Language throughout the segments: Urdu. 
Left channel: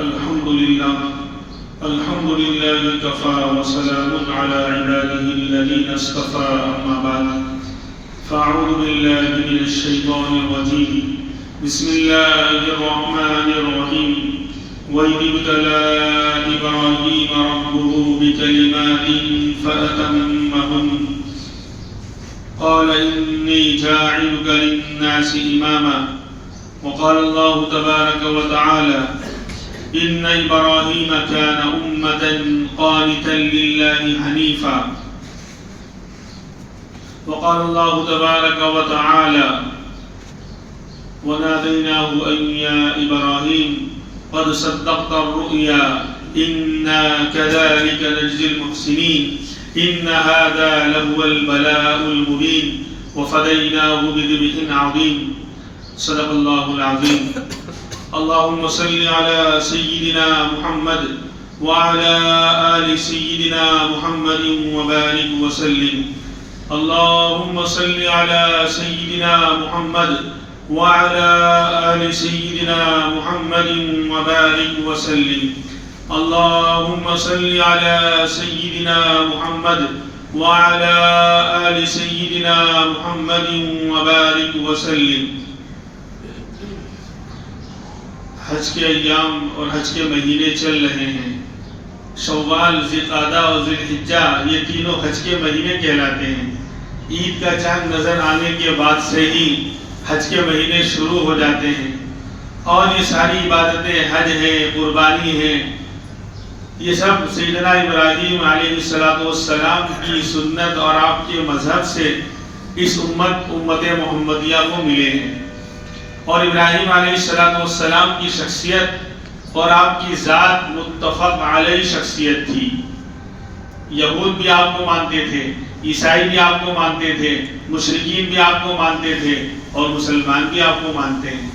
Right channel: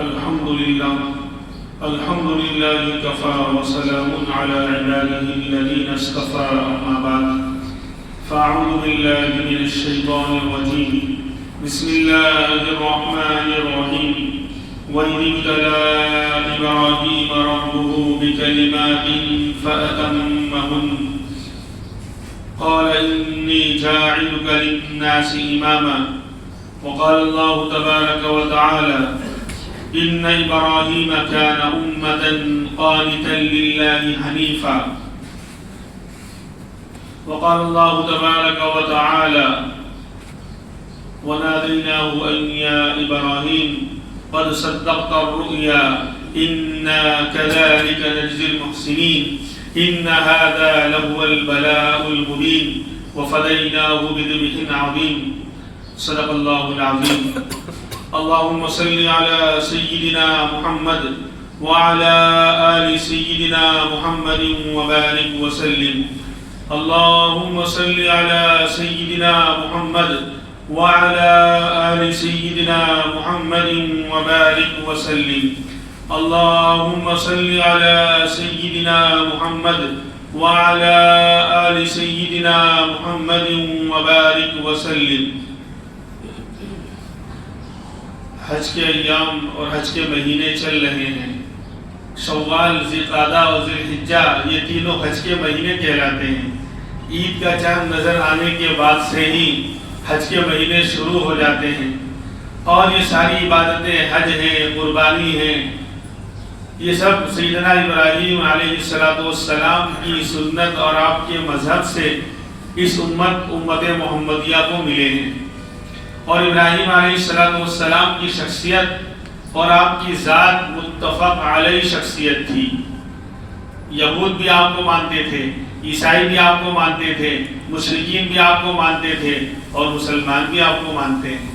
الحمد لله كفى وسلام على عباده الذين اصطفى أما بعد فأعوذ بالله من الشيطان الرجيم بسم الله الرحمن الرحيم وإذ ابتلى إبراهيم ربه بكلمات فأتمهن قال إني جاعلك للناس إماما وقال الله تبارك وتعالى إن إبراهيم كان أمة قانتا لله حنيفا وقال الله تبارك وتعالى وناديناه أن يا إبراهيم قد صدقت الرؤيا إنا كذلك نجزي المحسنين إن هذا لهو البلاء المبين وفديناه بذبح عظيم صدق الله العظيم اللهم صل على سيدنا محمد وعلى آل سيدنا محمد وبارك وسلم اللهم صل على سيدنا محمد وعلى آل سيدنا محمد وبارك وسلم اللهم صل على سيدنا محمد وعلى آل سيدنا محمد وبارك وسلم. حج کے ایام اور حج کے مہینے چل رہے ہیں. شوال، ذوالقعدہ اور ذوالحجہ یہ تینوں حج کے مہینے کہلاتے ہیں. عید کا چاند نظر آنے کے بعد سے ہی حج کے مہینے شروع ہو جاتے ہیں اور یہ ساری عبادتیں حج ہیں، قربانی ہیں، یہ سب سیدنا ابراہیم علیہ السلام کی سنت اور آپ کے مذہب سے اس امت محمدیہ کو ملے ہیں. اور ابراہیم علیہ السلام کی شخصیت اور آپ کی ذات متفق علیہ شخصیت تھی. یہود بھی آپ کو مانتے تھے، عیسائی بھی آپ کو مانتے تھے، مشرکین بھی آپ کو مانتے تھے اور مسلمان بھی آپ کو مانتے ہیں.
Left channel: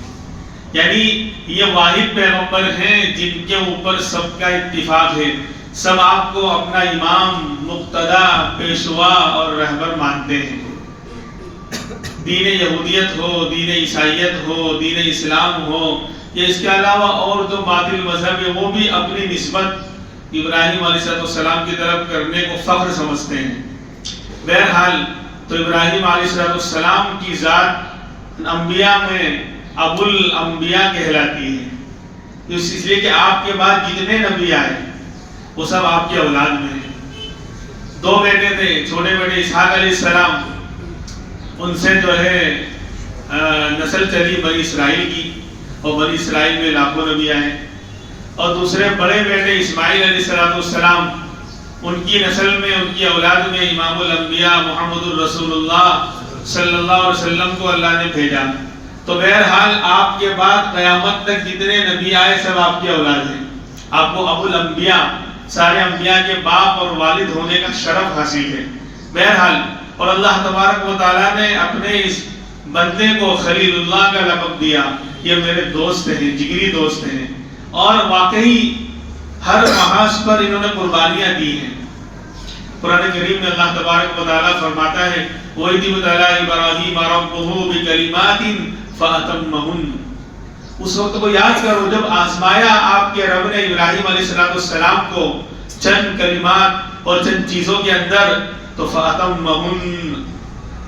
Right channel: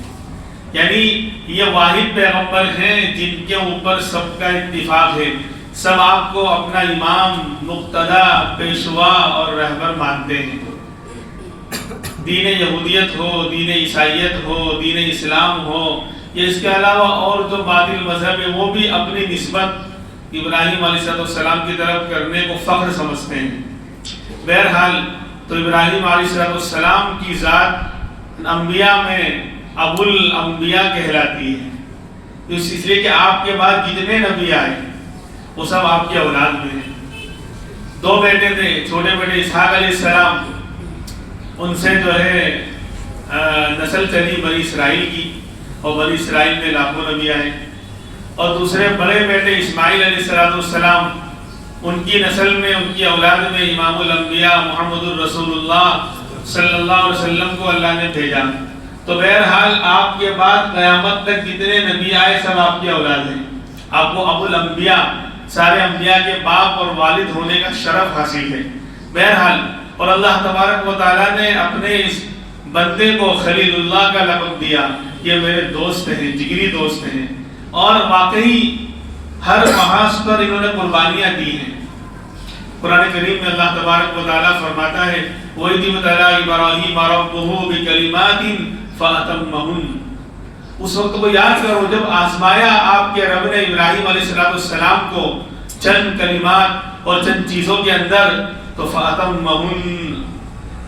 یعنی یہ واحد پیغمبر ہیں جن کے اوپر سب کا اتفاق ہے. سب آپ کو اپنا امام، مقتدی، پیشوا اور رہبر مانتے ہیں. دین یہودیت ہو، دین عیسائیت ہو، دین اسلام ہو یا اس کے علاوہ اور جو باطل مذہب ہے وہ بھی اپنی نسبت ابراہیم علیہ السلام کی طرف کرنے کو فخر سمجھتے ہیں. بہرحال تو ابراہیم علیہ السلام کی ذات انبیاء میں ابو الانبیاء کہلاتی ہے. اس لیے کہ آپ کے بعد جتنے نبی آئے وہ سب آپ کی اولاد میں ہیں. 2 بیٹے تھے، چھوٹے بیٹے اسحاق علیہ السلام، ان سے جو ہے نسل چلی بنی اسرائیل کی اور بنی اسرائیل میں لاکھوں نبی آئے. اور دوسرے بڑے بیٹے اسماعیل علیہ السلام، ان کی نسل میں، ان کی اولاد میں امام الانبیاء محمد الرسول اللہ صلی اللہ علیہ وسلم کو اللہ نے بھیجا. تو بہرحال آپ کے بعد قیامت تک جتنے نبی آئے سب آپ کی اولاد ہیں. آپ کو ابو الانبیاء، سارے انبیاء کے باپ اور والد ہونے کا شرف حاصل ہے. بہرحال اور اللہ تبارک و تعالیٰ نے اپنے اس بندے کو خلیل اللہ کا لقب دیا. یہ میرے دوست ہیں، جگری دوست ہیں اور واقعی ہر محاذ پر انہوں نے قربانیاں دی ہیں. قرآن کریم میں اللہ تبارک و تعالیٰ فرماتا ہے وَإِذِ ابْتَلَىٰ إِبْرَاهِيمَ رَبُّهُ بِكَلِمَاتٍ فَأَتَمَّهُنَّ. اس وقت کو یاد کرو جب آزمایا آپ کے رب نے ابراہیم علیہ السلام کو چند کلمات اور چند چیزوں کے اندر، تو فَأَتَمَّهُنَّ،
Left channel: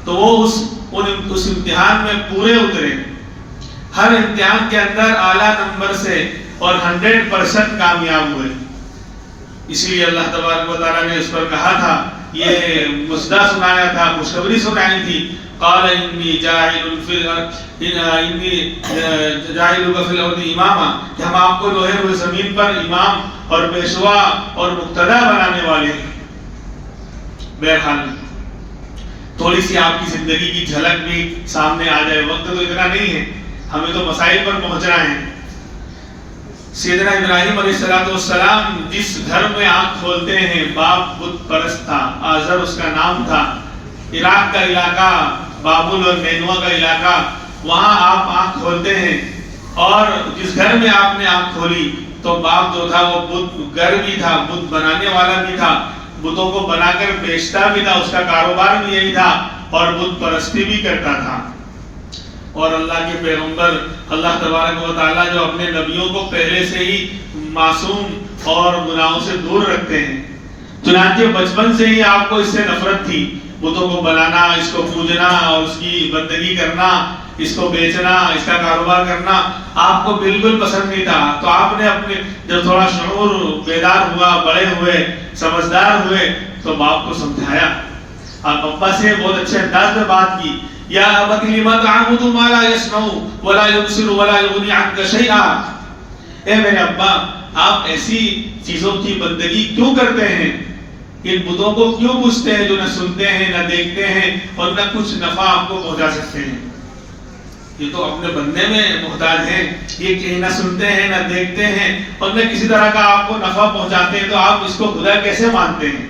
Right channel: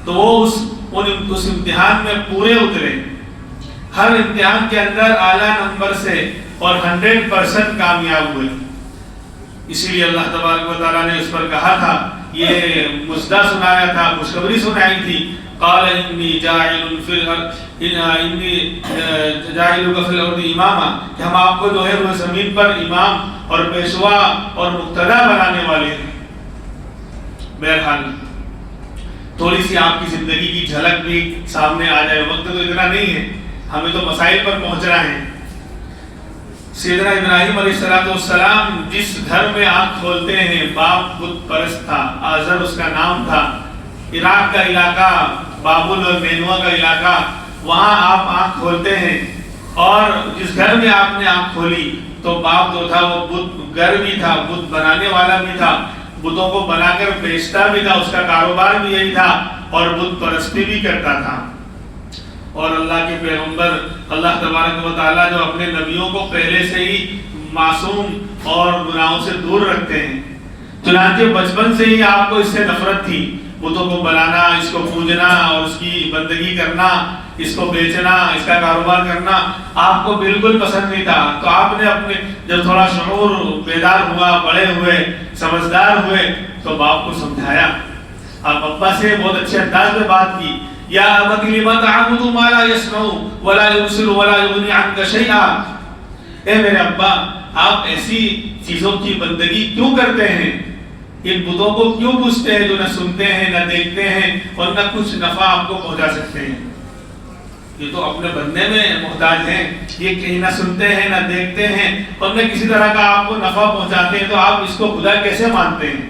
تو وہ اس امتحان میں پورے اترے. ہر امتحان کے اندر اعلیٰ نمبر سے اور 100% کامیاب ہوئے. اسی لیے اللہ تبارک و تعالیٰ نے اس پر کہا تھا، یہ مژدہ سنایا تھا، خوشخبری سنائی تھی. قال انی جاعلک فی الارض اماما، کہ ہم آپ کو جو ہے وہ زمین پر امام اور پیشوا اور مقتدی بنانے والے ہیں. بہرحال تھوڑی سی آپ کی زندگی کی جھلک بھی سامنے آ جائے. وقت تو اتنا نہیں ہے، ہمیں تو مسائل پر پہنچنا ہے. سیدنا ابراہیم علیہ السلام جس گھر میں آنکھ کھولتے ہیں باپ بت پرست تھا، آزر اس کا نام تھا. عراق کا علاقہ، بابل اور نینوا کا علاقہ، وہاں آپ آنکھ کھولتے ہیں اور جس گھر میں آپ نے آنکھ کھولی تو باپ جو تھا وہ بت گر بھی تھا، بت بنانے والا بھی تھا، بتوں کو بنا کر بیچتا بھی تھا، اس کا کاروبار بھی یہی تھا اور بت پرستی بھی کرتا تھا. اور اللہ کے پیغمبر اللہ تبارک و تعالیٰ جو اپنے نبیوں کو پہلے سے ہی معصوم اور گناہوں سے دور رکھتے ہیں، چنانچہ بچپن سے ہی آپ کو اس سے نفرت تھی، بتوں کو بنانا، اس کو پوجنا اور اس کی بندگی کرنا، اس کو بیچنا، اس کا کاروبار کرنا آپ کو بالکل پسند نہیں تھا۔ تو آپ نے اپنے جب تھوڑا شعور بیدار ہوا، بڑے ہوئے، سمجھدار ہوئے، تو باپ کو سمجھایا، آپ ابا سے بہت اچھے انداز میں بات کی، یا ابت لم تعبد ما لا يسمع ولا يبصر ولا يغني عنك شيئا، اے میرے ابا آپ ایسی چیزوں کی بندگی کیوں کرتے ہیں، ان بتوں کو کیوں پوجتے ہیں جو نہ سنتے ہیں نہ دیکھتے ہیں اور نہ کچھ نفع آپ کو پہنچا سکتے ہیں، یہ تو اپنے بننے میں محتاج ہیں، یہ کہیں نہ سنتے ہیں نہ دیکھتے ہیں اور نہ کسی طرح کا آپ کو نفع پہنچاتے ہیں، تو آپ اس کو خدا کیسے مانتے ہیں؟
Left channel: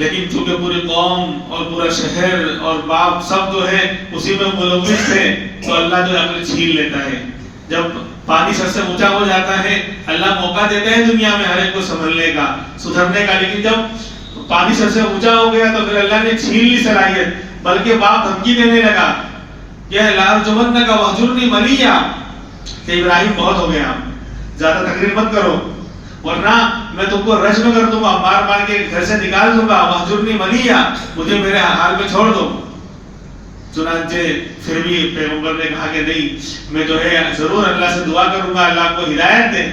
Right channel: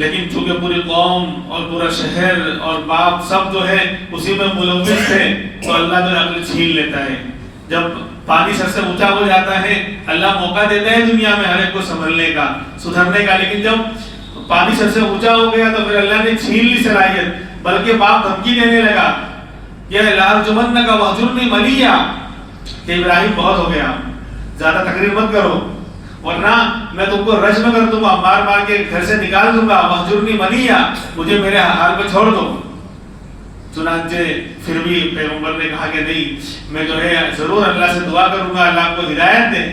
لیکن چونکہ پوری قوم اور پورا شہر اور باپ سب جو ہے اسی میں ملوث تھے، تو اللہ جو عقل چھین لیتا ہے، جب پانی سر سے اونچا ہو جاتا ہے اللہ موقع دیتا ہے دنیا میں ہر ایک کو سنبھلنے کا، سدھرنے کا، لیکن جب پانی سر سے اونچا ہو گیا تو پھر اللہ نے چھین لی صلاحیت، بلکہ باپ دھمکی دینے لگا کہ لارجمنک وہجرنی ملیا، کہ ابراہیم بہت ہو گیا، زیادہ تقریر مت کرو ورنہ میں تم کو رجم کر دوں گا، مار مار کے گھر سے نکال دوں گا، وہجرنی ملیا، مجھے میرے حال پہ چھوڑ دو۔ چنانچہ پھر بھی پیغمبر نے کہا کہ نہیں، میں جو ہے ضرور اللہ سے دعا کروں گا اللہ کو ہدایت دے۔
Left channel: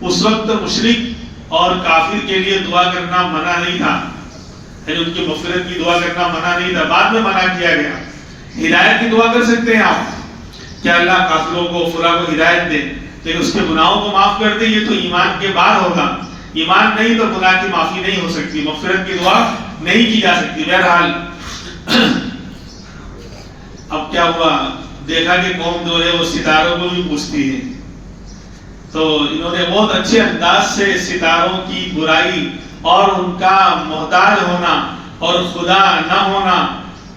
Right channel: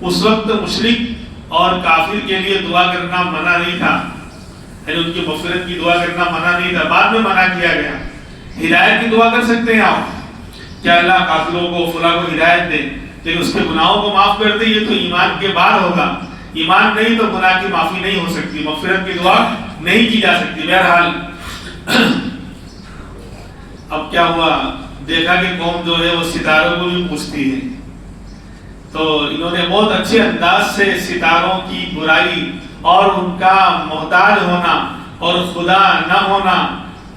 اس وقت مشرک اور کافر کے لیے دعا کرنا منع نہیں تھا، یعنی ان کی مغفرت کی دعا کرنا منع نہیں تھا، بعد میں منع کیا گیا۔ ہدایت کی دعا کر سکتے ہیں آپ کہ اللہ کافروں کو فلاں کو ہدایت دے، لیکن اس کے گناہوں کو معاف کر دے، یہ تو ایمان کے بعد ہوگا، ایمان نہیں تو گناہ کی معافی نہیں ہو سکتی، مغفرت کی دعا نہیں کی جا سکتی۔ بہرحال اب کیا ہوا، دیکھا کہ قوم جو ہے وہ ستاروں کو بھی پوجتی ہے، تو انہوں نے بہت اچھے انداز سے ستاروں کی برائی اور ان کا محتاج ہونا اور خدا نہ ہونا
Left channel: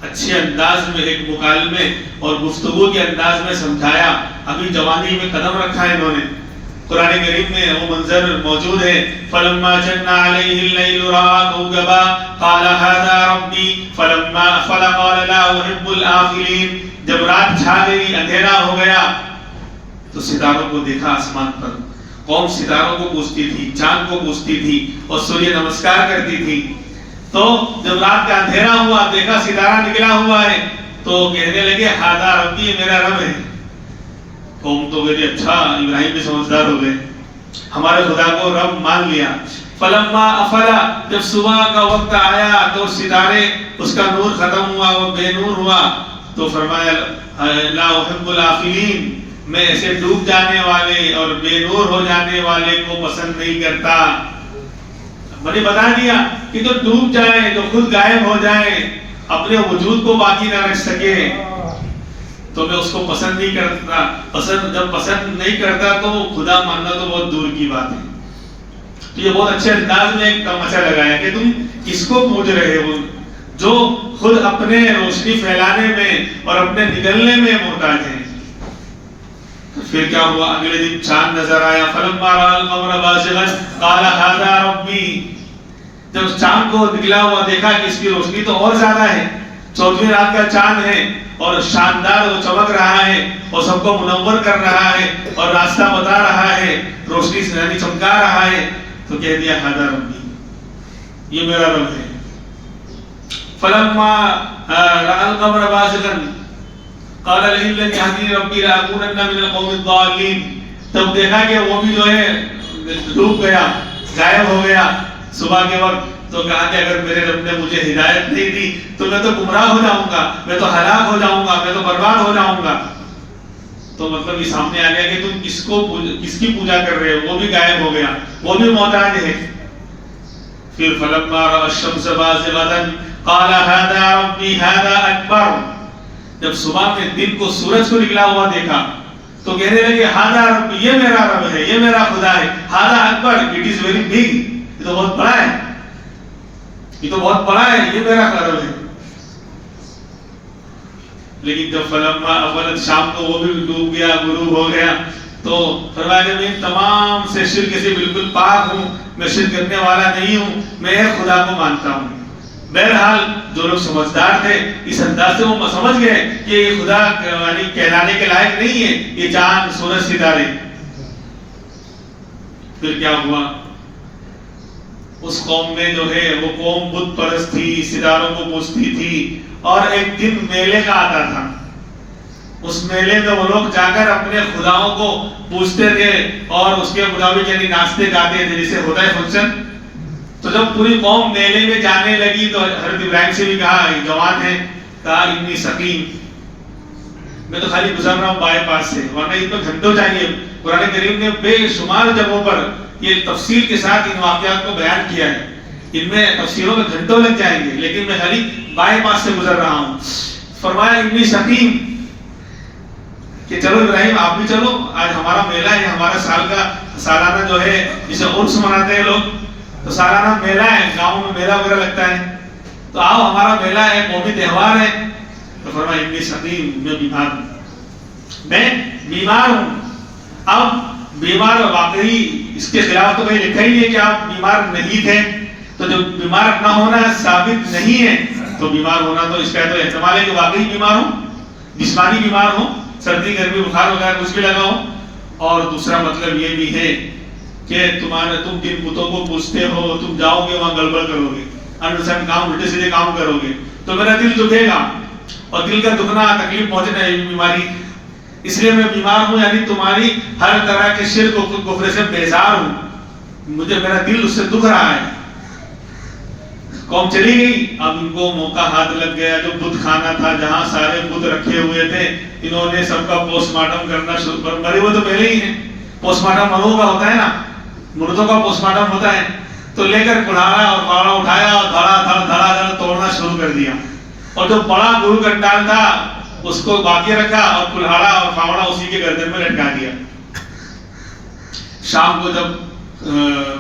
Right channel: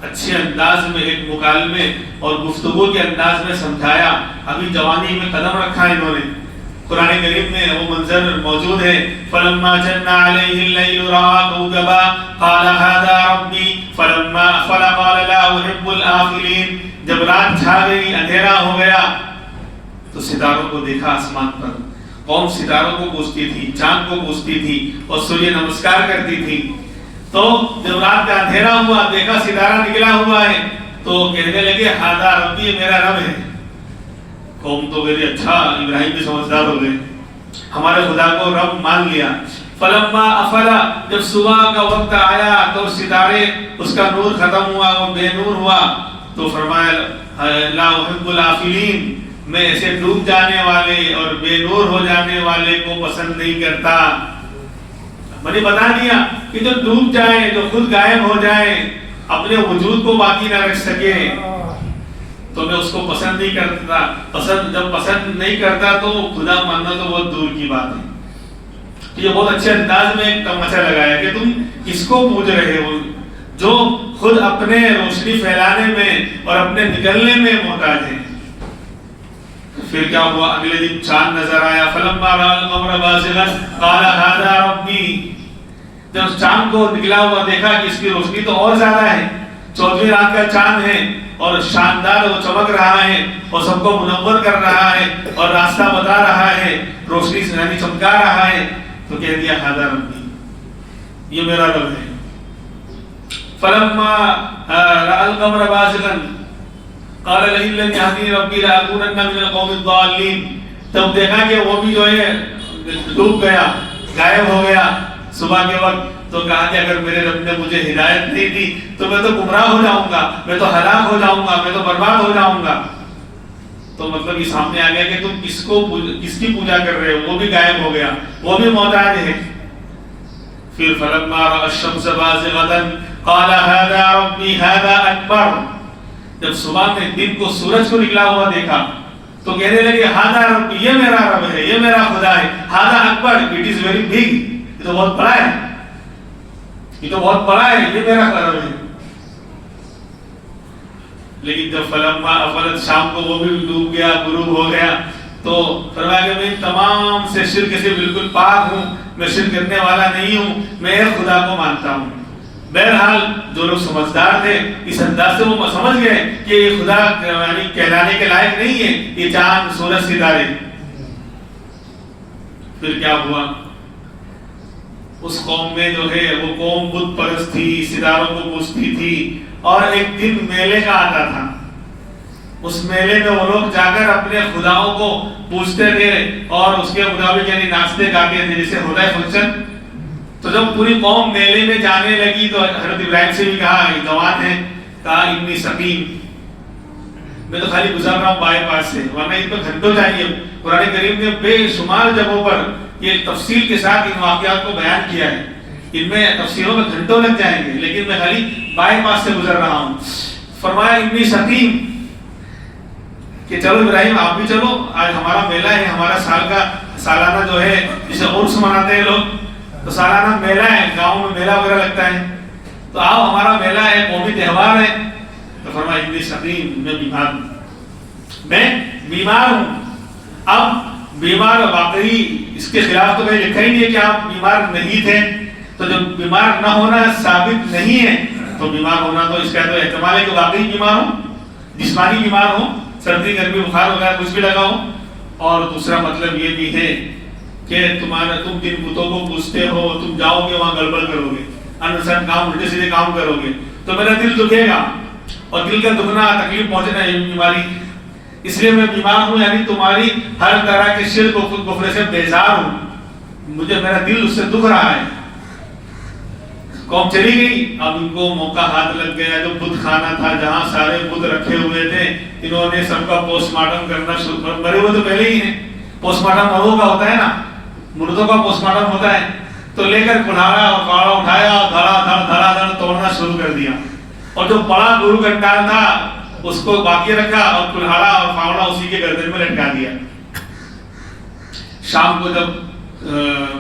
اچھے انداز میں ایک مکالمے اور گفتگو کے انداز میں سمجھایا۔ ابھی جوانی میں قدم رکھا ہے انہوں نے، قرآن کریم میں وہ منظر موجود ہے، فلما جن علیہ اللیل رأى کوكبا قال هذا ربی فلقال لا احب الآفلین، جب رات چھا گئی اندھیرا ہو گیا تو ستاروں کو دیکھا آسمان پر، قوم ستاروں کو پوجتی تھی، چاند کو پوجتی تھی اور سوریہ نمسکار کرتی تھی، تو جب رات کا اندھیرا ہوا دیکھا ستارہ نکلا ہوا ہے تو کہنے لگے ہذا ربی، میرا رب ہے۔ قوم تو کہتی اچھا ابراہیم بھی سمجھدار ہو گئے، ہمارے خدا کو رب مان لیا۔ فلما افلا، جب صبح کا وقت آیا تو ستارے اس کا نور ختم ہوا، وہ بے نور ہوا، تو فرمایا لا احب الآفلین، میں ایسے ڈوب جانے والے اور بے نور ہو جانے والے کو پسند نہیں کرتا۔ میں نے بتا دیا کہ جو ڈوب جائے، جو خود غائب ہو جائے، اپنے وجود کو باقی نہ رکھ سکے، تو میں اس کو پسند نہیں کرتا۔ جب پسند نہیں کرتا تو خدا ماننا تو بہت دور کی بات ہے۔ یہ بہت اچھے انداز میں ایک تماشا لگایا کہ تم کس کو پوج رہے ہو، جو خود اپنے روشنی پھیلانے میں اور اپنے نکلنے میں محتاج ہیں۔ پھر کیا ہوا، اگلے دن چاند نظر آیا، فلما رأى القمر بازغا قال هذا ربی، جب چاند کو نکلا ہوا دیکھا کہ اس کی روشنی تو اور زیادہ ہے، 14ویں رات کا چاند ہے اور شاندار وہ چمک رہا ہے اور سب کو منور کر رہا ہے اور راستہ بتا رہا ہے، روشنی سے یعنی چمکا رہا ہے، تو کہہ دیا هذا ربی، یہ میرا رب ہے۔ فلما رأى القمر بازغا قال لئن لم يهدني ربي لأكونن من القوم الضالين، تب دیکھا کہ وہ بھی جو ہے ڈوب گیا، غائب ہو گیا صبح کے وقت، تو کہا کہ اگر میرے رب نے مجھے ہدایت نہیں دی تو میں تو گمراہ ہو جاؤں گا، میں تو ہلاک ہو جاؤں گا، میں تو برباد ہو جاؤں گا۔ تو مطلب یہ سامنے آ گیا کہ تم کس کی پوجا کر رہے ہو، وہ بھی غائب ہو گیا، وہ بھی محتاج ہے۔ پھر فلما رأى الشمس بازغة قال هذا ربي هذا أكبر، جب صبح میں دن کو سورج کو نکلا ہوا دیکھا تو کہنے لگے هذا ربی، یہ میرا رب ہے، یہ میرا خدا ہے، هذا اکبر، اٹ از ویری بگ، یہ تو بہت بڑا ہے، یہ تو بہت بڑا ہے، یہ میرا رب ہے۔ لیکن جب فلما افلت، شام کو وہ بھی ڈوب گیا، غروب ہو گیا، تو فرمایا کہ میں تمام سے شرک سے بالکل پاک ہوں، میں شرک کرنے والا نہیں ہوں، میں ایک خدا کو مانتا ہوں۔ بہرحال جو لوگ سمجھدار تھے اس انداز سے وہ سمجھ گئے کہ یہ خدا یعنی کہلانے کے لائق نہیں ہے، یہ چاند سورج ستارے۔ پھر کیا ہوا؟ اس قوم میں جو ہے وہ قوم بت پرست تھی، ستاروں کو پوجتی تھی، اور ایک دن میلے کا آتا تھا، اس میلے میں وہ لوگ جا کر اپنے خداؤں کو پوجتے تھے اور اس کے مطابق یعنی ناچتے گاتے تھے، جیسے ہوتا ہے فنکشن۔ تو جب پوری قوم میلے میں جانے لگی تو حضرت ابراہیم سے بھی کہا، جوان ہے، کہا انی سقیم، میں تو خالی گزر رہا ہوں بائی پاس سے، ورنہ ان پہ گھنٹوں چاہیے۔ قرآن کریم نے بے شمار جگہوں پر یہ تفصیل کے ساتھ ان واقعات کو بیان کیا ہے، ان میں تفسیروں میں گھنٹوں لگ جائیں گے، لیکن میں خالی بائی پاس سے گزر رہا ہوں۔ فرمایا انی سقیم، کہ چلو ابراہیم آپ بھی چلو، آج ہمارا میلہ ہے، ہمارا سال کا سالانہ جو ہے جسے عرس مناتے ہیں لوگ، تو سالانہ میلہ ہے، گاؤں میں میلہ وغیرہ لگتا ہے، تو آؤ ہمارا میلہ ہے، قومی تہوار ہے۔ تو فرمایا انی سقیم، میں بیمار ہوں، میں بیمار ہوں۔ اب بیمار واقعی اس کے خلاف تو کہیں لکھا ہی نہیں ہے کہ آپ بیمار نہیں تھے، تو جب بیمار نہ ہونا ثابت نہیں ہے تو بیمار ہونا تو اس کا تو احتمال ہے کہ واقعی بیمار ہوں، جسمانی بیمار ہوں، سردی گرمی بخار وغیرہ کچھ بھی لگا ہو۔ اور دوسرا مطلب یہ بھی ہے کہ تم جن بتوں کو پوجتے ہو، تم جاؤ گے وہاں گڑبڑ کرو گے، انسان کام الٹے سیدھے کام کرو گے تو میرا دل دکھے گا، اور دل کا دکھنا تکلیف پہنچنا ہے بیماری، اس لیے میں بیمار ہوں، یعنی تمہاری ہر طرح کے شرک و کفر سے بیزار ہوں، مجھے میرا دل اس سے دکھ رہا ہے۔ قوم چلی گئی، اب ان کو موقع ہاتھ لگ گیا، جو بت خانہ تھا جہاں سارے بت رکھے ہوئے تھے، انہوں نے سب کا پوسٹ مارٹم کرنا شروع کر، مرے ہوئے تو پہلے ہی ہیں، پوسٹ مارٹم مروں کا ہوتا ہے نا، مردوں کا پوسٹ مارٹم ہوتا ہے، تو لے کر کلایا اور پاڑا اٹھایا اور دھڑا دھڑ توڑنا شروع کر دیا، اور جو بڑا گرو گھنٹال تھا اس کو باقی رکھا اور کلہاڑا اور پھاوڑا اسی کے گردن میں لٹکا دیا۔ شام کو جب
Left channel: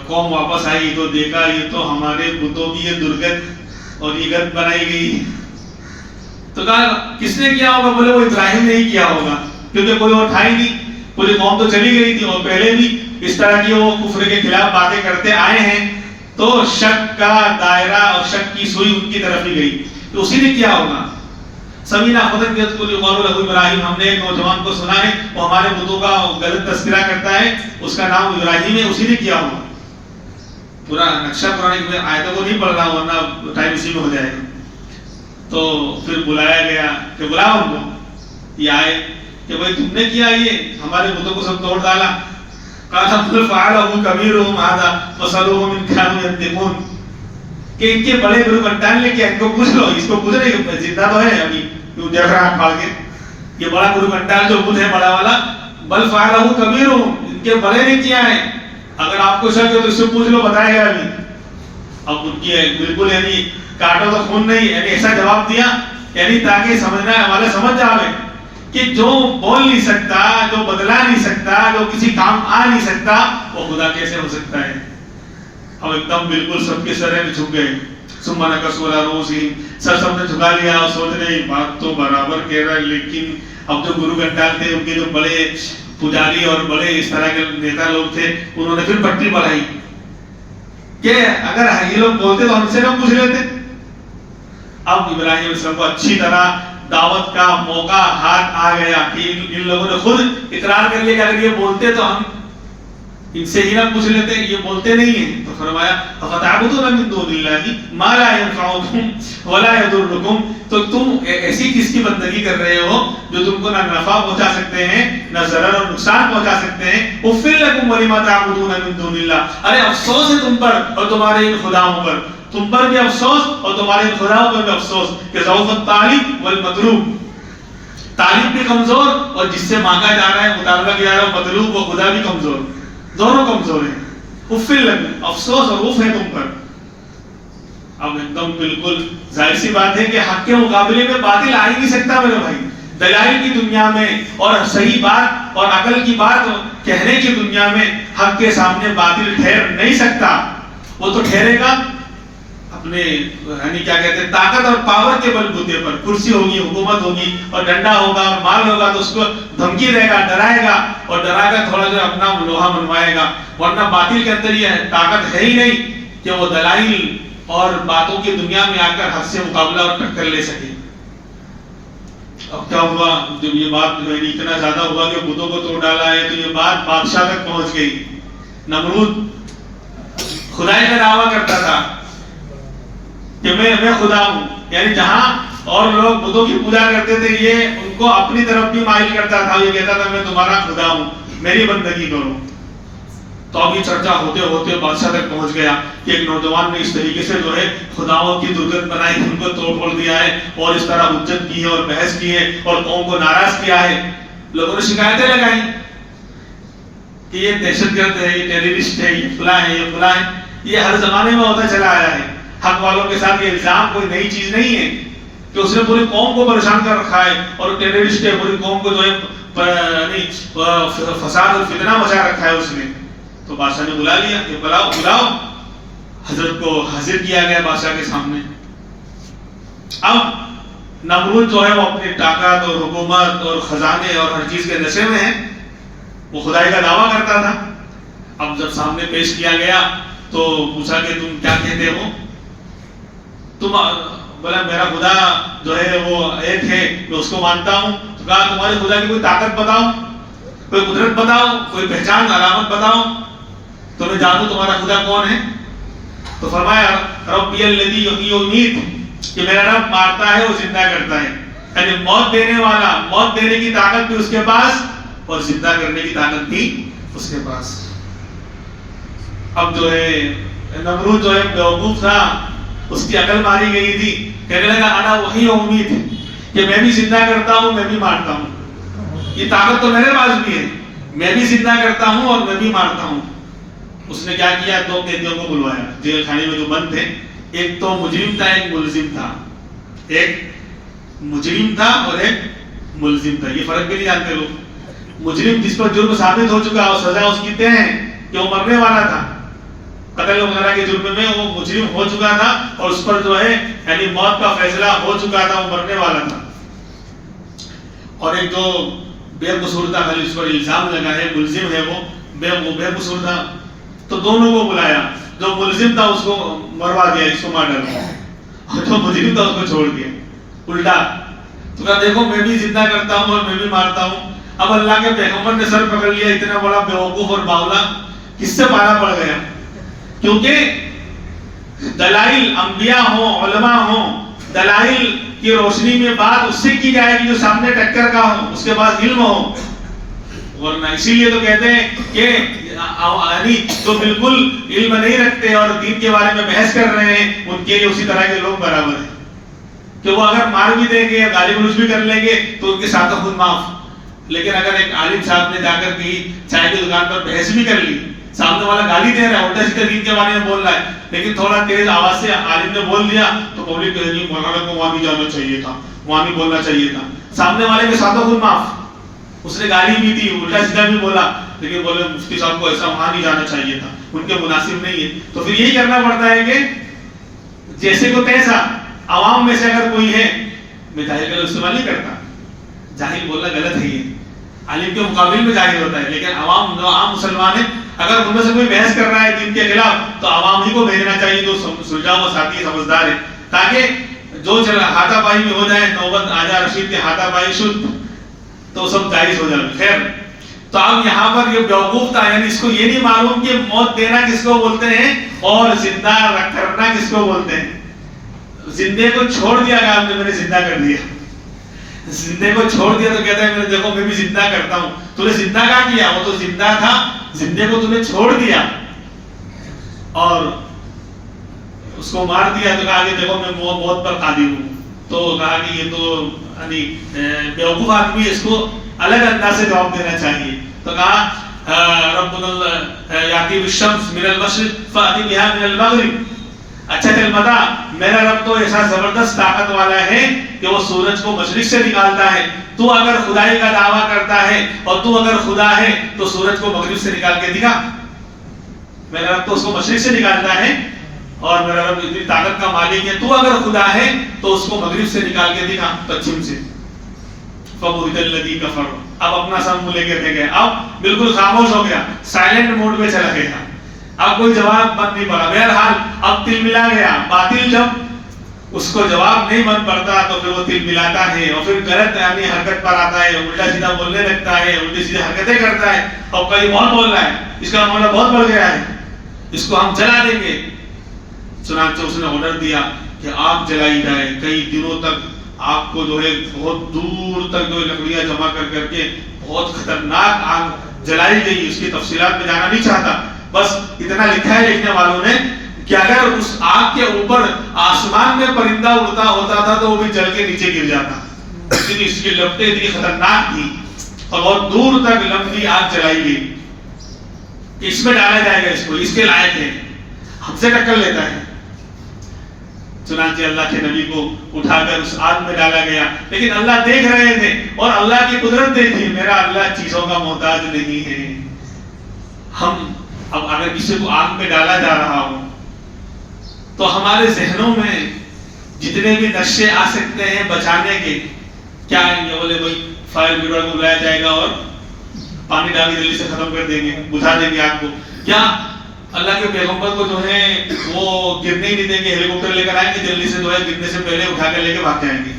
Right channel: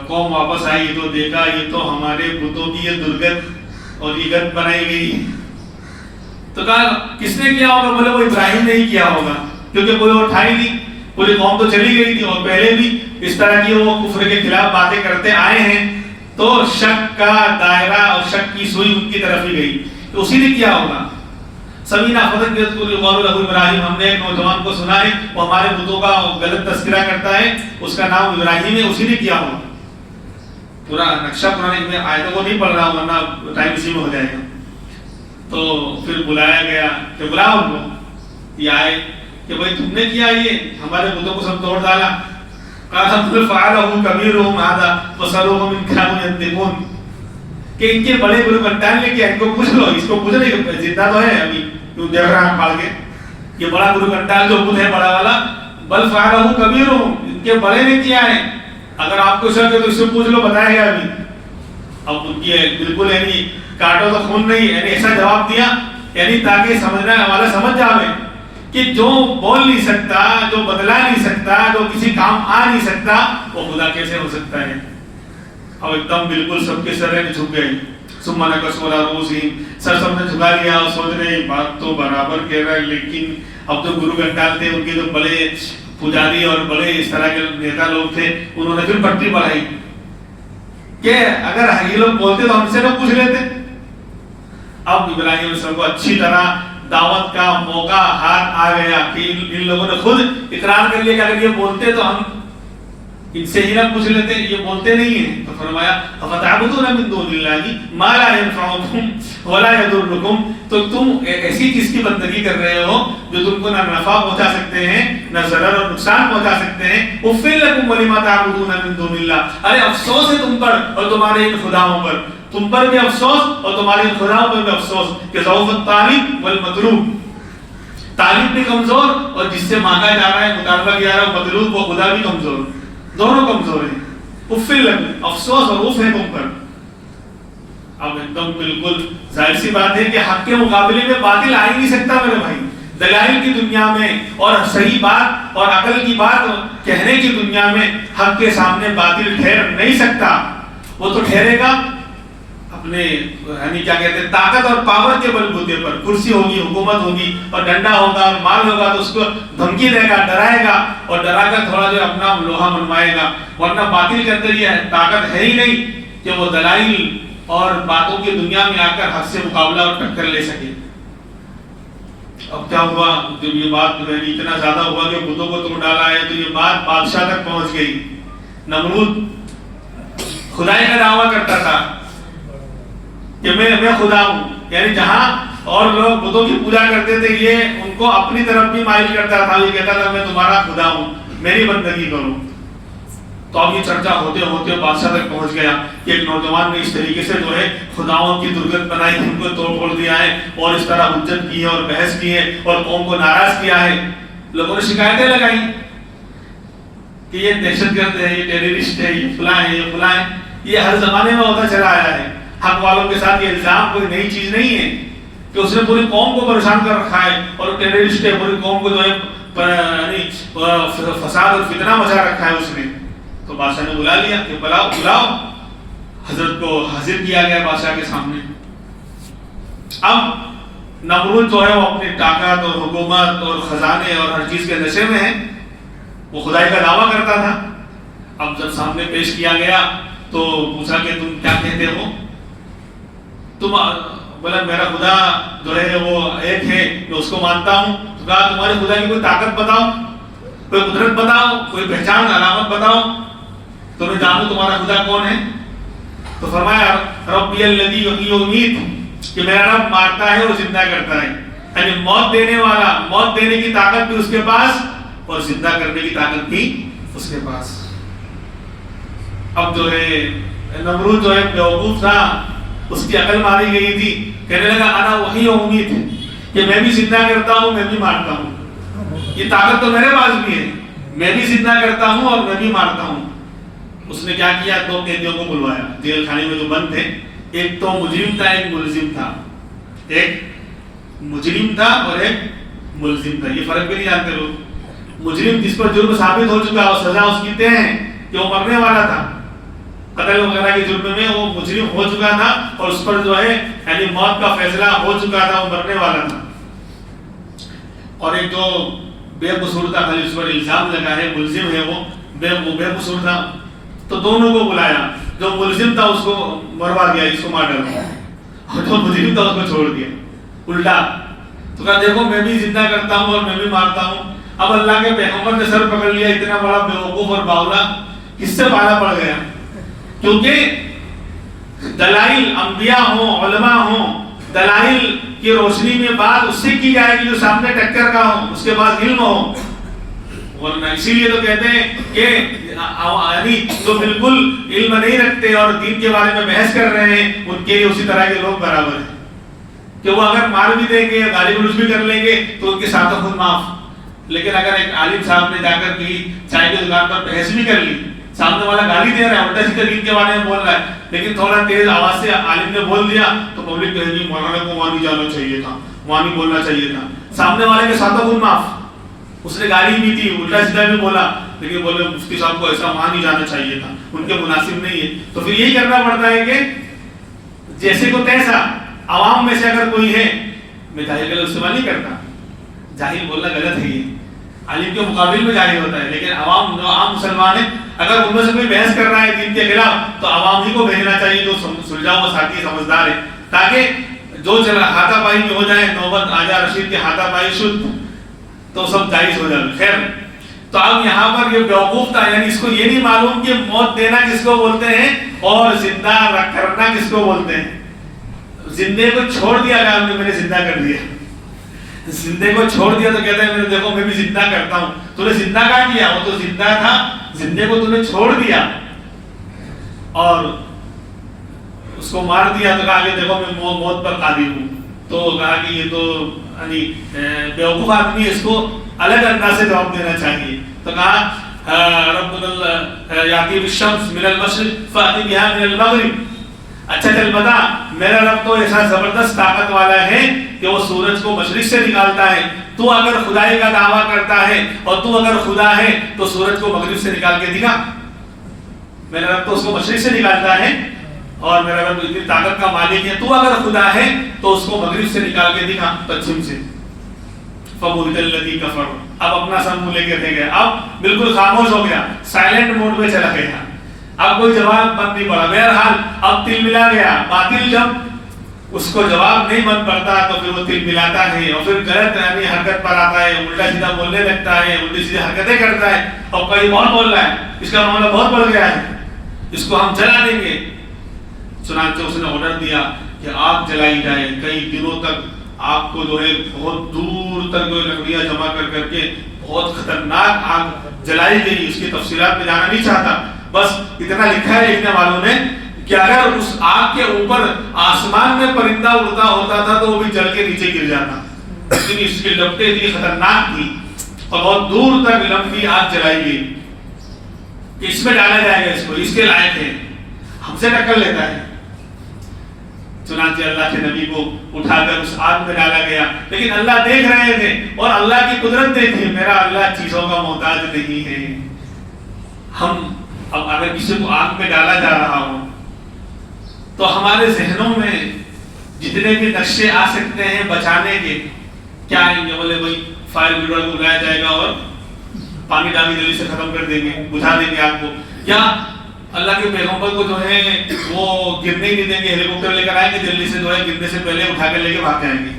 قوم واپس آئی تو دیکھا یہ تو ہمارے بتوں کی یہ درگت اور یہ گت بنائی گئی، تو کہا کس نے کیا ہوگا؟ بولے وہ ابراہیم نے ہی کیا ہوگا، کیونکہ کوئی اور تھا ہی نہیں، پوری قوم تو چلی گئی تھی اور پہلے بھی اس طرح کی وہ کفر کے خلاف باتیں کرتے آئے ہیں، تو شک کا دائرہ اور شک کی سوئی ان کی طرف ہی گئی، تو اسی نے کیا ہوگا۔ سمینا فتن یذکر یقال له ابراہیم، ہم نے ایک نوجوان کو سنا ہے وہ ہمارے بتوں کا غلط تذکرہ کرتا ہے، اس کا نام ابراہیم ہے، اسی نے کیا ہوگا۔ پورا نقشہ قرآن میں آیتوں کو نہیں پڑھ رہا ہوں ورنہ ٹائم اسی میں ہو جائے گا۔ تو پھر بلایا گیا کہ بلاؤ ان کو، یہ آئے کہ بھائی تم نے کیا، یہ ہمارے بتوں کو سب توڑ ڈالا۔ قال فعلہ کبیرہم ھذا فاسألوہم ان کانوا ینطقون، کہ ان کے بڑے گرو گھنٹال نے کیا، ان کو پوچھ لو، اس کو پوچھ رہے کہ زندہ تو ہے ابھی، کیوں دیکھ رہا ہے پھاڑ کے، یہ بڑا گرو گھنٹال جو بدھ ہے بڑا والا، بل فعلہ کبیرہم، ان کے بڑے نے کیا ہے، اگر آپ کو شک ہے تو اس سے پوچھ لو، بتائے گا ابھی۔ اب ان کی بالکل یعنی کاٹو تو خون نہیں، یعنی ایسا جواب دیا یعنی تاکہ سمجھنا والا سمجھ جاوے کہ جو بول نہیں سکتا، جو بدلا نہیں سکتا، جو کسی کام آ نہیں سکتا، وہ خدا کیسے ہو سکتا ہے۔ اب ایک دم بالکل سب کے سرے میں جھک گئے، ثم نکسوا علی رؤوسہم، سر سب نے جھکا لیا اور سوچ رہے بات تو برابر کہہ رہا ہے، لیکن اب جو گرو گھنٹال تھے ان کے جو بڑے پجاری اور بڑے اس طرح کے نیتا لوگ تھے، انہوں نے پھر پٹی بڑھائی کہ اگر یہ لوگ بولتے تو ہم سے لوگ پوچھ لیتے۔ اب ابراہیم علیہ السلام کو اچھی طرح دعوت کا موقع ہاتھ آ گیا کہ ان لوگوں نے خود اقرار کر لیا کہ اگر یہ بولتے تو ہم ان سے ہی نہ پوچھ لیتے، یہ بولتے نہیں ہیں۔ تو فرمایا افتعبدون من دون اللہ ما لا ينفعكم ولا يضركم، تو تم ایسی چیز کی بندگی کر رہے ہو جو تم کو نہ نفع پہنچا سکتے ہیں نہ ضرر اور نقصان پہنچا سکتے ہیں۔ اف لکم ولما تعبدون من دون اللہ، ارے افسوس ہے تم پر اور تمہارے ان خداؤں پر، تم پر بھی افسوس اور تمہارے ان خداؤں پر بھی افسوس کہ ضعف الطالب والمطلوب، طالب بھی کمزور اور جس سے مانگا جا رہا ہے مطالبہ کیا جا رہا ہے مطلوب وہ خدا بھی کمزور، دونوں کمزور ہیں۔ افل لکم، افسوس اور اف ہے تم پر۔ اب ایک دم بالکل ظاہر سی بات ہے کہ حق کے مقابلے میں باطل آ ہی نہیں سکتا میرے بھائی، دلائل کی دنیا میں اور صحیح بات اور عقل کی بات کہنے کی دنیا میں حق کے سامنے باطل ٹھہر نہیں سکتا، وہ تو ٹھہرے گا اپنے یعنی کیا کہتے ہیں طاقت اور پاور کے بل بوتے پر، کرسی ہوگی، حکومت ہوگی اور ڈنڈا ہوگا اور مال ہوگا تو اس کو دھمکی دے گا، ڈرائے گا اور ڈرا کر تھوڑا جو اپنا لوہا منوائے گا، ورنہ باطل کے اندر یہ طاقت ہے ہی نہیں کہ وہ دلائل اور باتوں کی دنیا میں آ کر حق سے مقابلہ اور ٹکر لے سکے۔ اب کیا ہوا، جب یہ بات اتنا زیادہ ہوا کہ بتوں کو توڑ ڈالا ہے، تو یہ بات بادشاہ تک پہنچ گئی۔ نمرود خدائی کا دعویٰ کرتا تھا کہ میں خدا ہوں، یعنی جہاں اور لوگ بتوں کی پوجا کرتے تھے، یہ ان کو اپنی طرف بھی مائل کرتا تھا، یہ کہتا تھا میں تمہارا خدا ہوں، میری بندگی کرو۔ تو اب یہ چرچا ہوتے ہوتے بادشاہ تک پہنچ گیا کہ ایک نوجوان نے اس طریقے سے جو ہے خداؤں کی درگت بنائی، ان کو توڑ پھوڑ دیا ہے اور اس طرح حجت کی ہے اور بحث کی ہے اور قوم کو ناراض کیا ہے۔ لوگوں نے شکایتیں لگائی کہ یہ دہشت گرد ہے، یہ ٹیررسٹ ہے، یہ فلاں ہے، یہ فلاں ہے۔ یہ ہر زمانے میں ہوتا چلا آیا ہے۔ حق والوں کے ساتھ یہ الزام کوئی نئی چیز نہیں ہے کہ اس نے پوری قوم کو پریشان کر رکھا ہے اور ٹیررسٹ ہے، پوری قوم کو جو ہے فساد اور فتنہ مچا رکھا ہے اس نے۔ تو بادشاہ نے بلا لیا کہ بلاؤ، حضرت کو حاضر کیا گیا بادشاہ کے سامنے۔ اب نمرود جو ہے وہ اپنی طاقت اور حکومت اور خزانے اور ہر چیز کے نشے میں ہے، وہ خدائی کا دعویٰ کرتا تھا۔ اب جب سامنے پیش کیا گیا تو پوچھا کہ تم کیا کہتے ہو؟ تم بولا میرا خدا جو ہے وہ ایک ہے، میں اس کو مانتا ہوں۔ تو کہا تمہارے خدا کی کوئی طاقت بتاؤ، کوئی قدرت بتاؤ، کوئی پہچان علامت بتاؤ تو میں جانوں تمہارا خدا کون ہے۔ تو فرمایا ربی الذی یحیی و یمیت، کہ میرا رب مارتا ہے اور زندہ کرتا ہے، یعنی موت دینے والا، موت دینے کی طاقت بھی اس کے پاس اور زندہ کرنے کی طاقت بھی اس کے پاس۔ اب جو ہے نمرود جو ہے بیوقوف تھا، اس کی عقل ماری گئی تھی، کہنے لگا انا وحی و امید، کہ میں بھی زندہ کرتا ہوں، میں بھی مارتا ہوں، یہ طاقت تو میرے پاس بھی ہے، میں بھی زندہ کرتا ہوں اور میں بھی مارتا ہوں۔ اس نے کیا کیا، دو قیدیوں کو بلوایا جیل خانے میں جو بند تھے، ایک تو مجرم تھا، ایک ملزم تھا، ایک مجرم تھا اور ایک ملزم تھا۔ یہ فرق بھی نہیں جانتے لوگ۔ مجرم جس پر جرم ثابت ہو چکا اور سزا اس کی طے ہے کہ وہ مرنے والا تھا، قتل وغیرہ کے جرم میں وہ مجرم ہو چکا تھا اور اس پر جو ہے یعنی موت کا فیصلہ ہو چکا تھا، وہ مرنے والا تھا۔ اور ایک جو بے قصور تھا، خالی اس پر الزام لگا ہے، ملزم ہے، وہ بے قصور تھا۔ تو دونوں کو بلایا، جو ملزم تھا اس کو مروا دیا، اس کو مار ڈالا، اور جو مجرم تھا اس کو چھوڑ دیا، الٹا۔ تو کہا دیکھو میں بھی زندہ کرتا ہوں اور میں بھی مارتا ہوں۔ اب اللہ کے پیغمبر نے سر پکڑ لیا، اتنا بڑا بیوقوف اور باولا کس سے پالا پڑ گیا؟ کیونکہ دلائل انبیاء ہوں، علماء ہوں، دلائل کی روشنی میں بات اس سے کی جائے گی جو سامنے ٹکر کا ہو، اس کے پاس علم ہو، ورنہ اسی لیے تو کہتے ہیں کہ جو بالکل علم نہیں رکھتے اور دین کے بارے میں بحث کر رہے ہیں، ان کے لیے اسی طرح کے لوگ برابر ہیں کہ وہ اگر مار بھی دیں گے، گالی گلوچ بھی کر لیں گے تو ان کے ساتھ خود معاف۔ لیکن اگر ایک عالم صاحب نے جا کر کہیں چائے کی دکان پر بحث بھی کر لی، سامنے والا گالی دے رہا ہے، الٹا سیدھا دین کے بارے میں بول رہا ہے، لیکن تھوڑا تیز آواز سے عالم نے بول دیا تو پبلک کہے گی مولانا کو وہاں نہیں جانا چاہیے تھا، وہاں نہیں بولنا چاہیے تھا۔ سامنے والے کے ساتھ خود معاف، اس نے گالی بھی دی، الٹا سیدھا بھی بولا، لیکن بولے مفتی صاحب کو ایسا وہاں نہیں جانا چاہیے تھا، ان کے مناسب نہیں ہے۔ تو پھر یہی کرنا پڑتا ہے کہ جیسے کو تیسا، عوام میں سے اگر کوئی ہے، میں جاہل کا لفظ استعمال نہیں کرتا، جاہل بولنا غلط ہے، یہ عالم کے مقابل میں جاہل ہوتا ہے، لیکن عوام جو عام مسلمان ہیں، اگر ان میں سے کوئی بحث کر رہا ہے دین کے خلاف تو عوام ہی کو بھیجنا چاہیے جو سلجھا ہوا ساتھی سمجھدار ہے، تاکہ جو چل رہا ہاتھا پائی میں ہو جائے، نوبت آجا رشید کے ہاتھا پائی شد تو سب جائز ہو جائے۔ خیر، تو اب یہاں پر یہ بیوقوف تھا، یعنی اس کو یہ نہیں معلوم کہ موت دینا کس کو بولتے ہیں اور زندہ کرنا کس کو بولتے ہیں۔ زندے کو چھوڑ دیا گیا، میں نے زندہ کر دیا، زندے کو چھوڑ دیا تو کہتا ہے میں دیکھو میں بھی زندہ کرتا ہوں۔ تو نے زندہ کہا کیا؟ وہ تو زندہ تھا، زندے کو تو نے چھوڑ دیا اور اس کو مار دیا، تو کہا کہ دیکھو میں موت پر قادر ہوں۔ تو کہا کہ یہ تو یعنی بیوقوف آدمی ہے، اس کو الگ انداز سے جواب دینا چاہیے۔ تو کہا ربنا یاتی بالشمس من المشرق فاتی بها من المغرب، اچھا چل بتا، میرا رب تو ایسا زبردست طاقت والا ہے کہ وہ سورج کو مشرق سے نکالتا ہے، تو اگر خدائی کا دعویٰ کرتا ہے اور تو اگر خدا ہے تو سورج کو مغرب سے نکال کے دکھا۔ میرا رب تو اس کو مشرق سے نکالتا ہے اور میرا رب اتنی طاقت کا مالک ہے، تو اگر خدا ہے تو اس کو مغرب سے نکال کے دکھا، پچھم سے۔ فَبُهِتَ الَّذِي كَفَرَ، اب اپنا سر منہ لے کے رہ گئے، اب بالکل خاموش ہو گیا، سائلنٹ موڈ میں چلا گیا، اب کوئی جواب بن نہیں پڑا. بہرحال اب تل ملا گیا. باطل جب اس کو جواب نہیں بن پڑتا تو پھر وہ تل ملاتا ہے اور پھر غلط یعنی حرکت پر آتا ہے, الٹا سیدھا بولنے لگتا ہے, الٹی سیدھی حرکتیں کرتا ہے. اور کوئی بہت بول رہا ہے, اس کا معاملہ بہت بڑھ گیا ہے, اس کو ہم جلا دیں گے. چنانچہ اس نے آرڈر دیا کہ آگ جلائی جائے. کئی دنوں تک آگ کو جو ہے بہت دور تک جو لکڑیاں جمع کر کے بہت خطرناک آگ جلائی گئی. اس کی تفصیلات میں جانا نہیں چاہتا, بس اتنا لکھا ہے لکھنے والوں نے کہ اگر اس آگ کے اوپر آسمان میں پرندہ اڑتا ہوتا تھا تو وہ بھی جل کے نیچے گر جاتا. لیکن اس کی لپٹیں اتنی خطرناک تھی اور بہت دور تک لمبی آگ جلائی گئی کہ اس میں ڈالا جائے گا, اس کو اس کے لائق ہے, ہم سے ٹکر لیتا ہے. چنانچہ اللہ کے نبی کو اٹھا کر اس آگ میں ڈالا گیا. لیکن اللہ دیکھ رہے تھے اور اللہ کی قدرت دیکھی. میرا اللہ چیزوں کا محتاج نہیں ہے. ہم اب اگر کسی کو آگ میں ڈالا جا رہا ہو تو ہمارے ذہنوں میں جتنے بھی نقشے آ سکتے ہیں بچانے کے, کیا یہ بولے بھائی فائر بریگیڈ کو بلایا جائے گا اور پانی ڈال کے جلدی سے ختم کر دیں گے, بجھا دیں گے آگ کو, یا اللہ کے پیغمبر کو جو ہے وہ گرنے ہی نہیں دیں گے, ہیلی کاپٹر لے کر آئیں گے, جلدی سے جو ہے گرنے سے پہلے اٹھا کے لے کے بھاگ جائیں گے.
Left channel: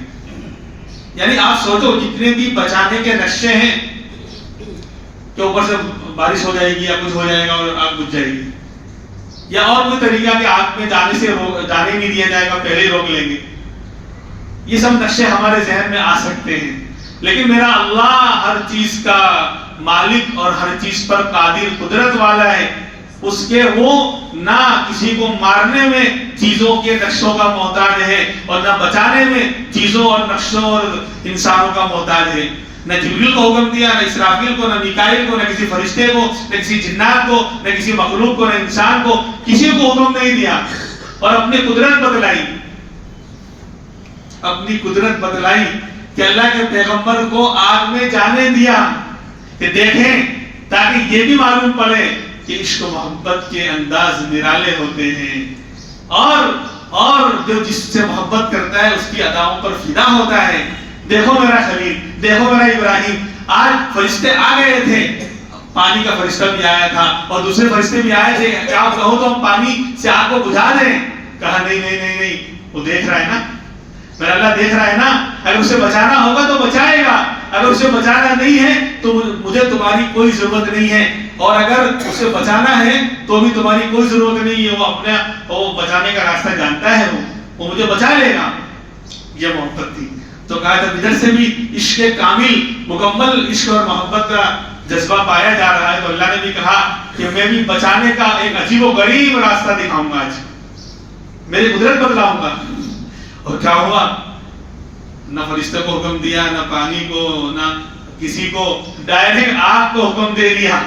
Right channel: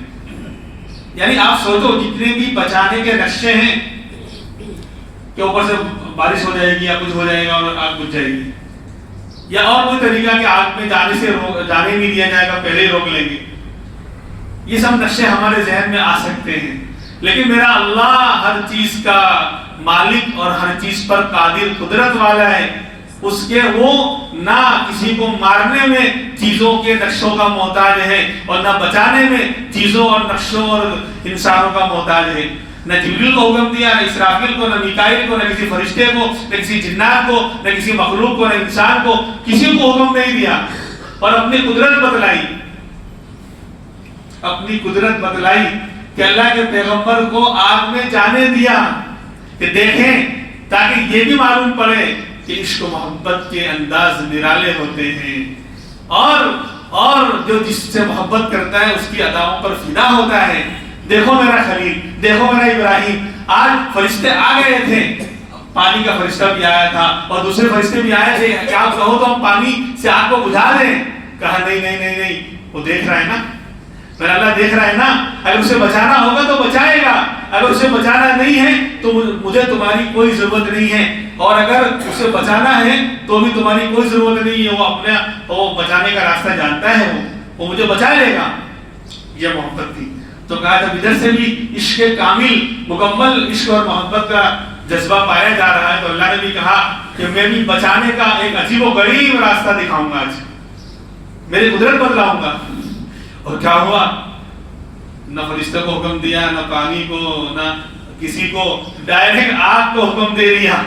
یعنی آپ سوچو جتنے بھی بچانے کے نقشے ہیں کہ اوپر سے بارش ہو جائے گی یا کچھ ہو جائے گا اور آگ بجھ جائے گی, یا اور کوئی طریقہ کہ آگ میں جانے نہیں دیا جائے گا, پہلے ہی روک لیں گے. یہ سب نقشے ہمارے ذہن میں آ سکتے ہیں. لیکن میرا اللہ ہر چیز کا مالک اور ہر چیز پر قادر قدرت والا ہے. اس کے وہ نہ کسی کو مارنے میں چیزوں کے نقشوں کا محتاج ہے اور نہ بچانے میں چیزوں اور نقشوں اور انسانوں کا محتاج ہے. نہ جبریل کو حکم دیا, نہ اسرافیل کو, نہ میکائیل کو, نہ کسی فرشتے کو, نہ کسی جنات کو, نہ کسی مخلوق کو, نہ انسان کو, کسی کو حکم نہیں دیا. اور اپنی قدرت بتلائی, اپنی قدرت بتلائی کہ اللہ کے پیغمبر کو آگ میں جانے دیا کہ دیکھیں, تاکہ یہ بھی معلوم پڑے کہ عشق و محبت کے انداز نرالے ہوتے ہیں, اور جو جس سے محبت کرتا ہے اس کی اداؤں پر فدا ہوتا ہے. دیکھو میرا خلیل, دیکھو میرا ابراہیم. آج فرشتے آ گئے تھے, پانی کا فرشتہ بھی آیا تھا اور دوسرے فرشتے بھی آئے تھے, کیا آپ کہو تو ہم پانی سے آگ کو بجھا دیں؟ کہا نہیں نہیں نہیں نہیں, وہ دیکھ رہا ہے نا, میرا اللہ دیکھ رہا ہے نا. اگر اسے بچانا ہوگا تو بچائے گا, اگر اسے بچانا نہیں ہے تو مجھے تمہاری کوئی ضرورت نہیں ہے, اور اگر اسے بچانا ہے تو بھی تمہاری کوئی ضرورت نہیں ہے. وہ بچانے کا راستہ جانتا ہے, وہ مجھے بچا لے گا. یہ محبت تھی. تو کہا جب ادھر سے بھی عشق کامل مکمل عشق اور محبت کا جذبہ پایا جا رہا ہے تو اللہ نے بھی کہا کہ میں بھی بچانے کا ایک عجیب و غریب راستہ دکھاؤں گا, آج میری قدرت بتلاؤں گا. اور کیا ہوا, نہ فرشتے کو حکم دیا, نہ پانی کو, نہ کسی کو, ڈائریکٹ آگ کو حکم دے دیا,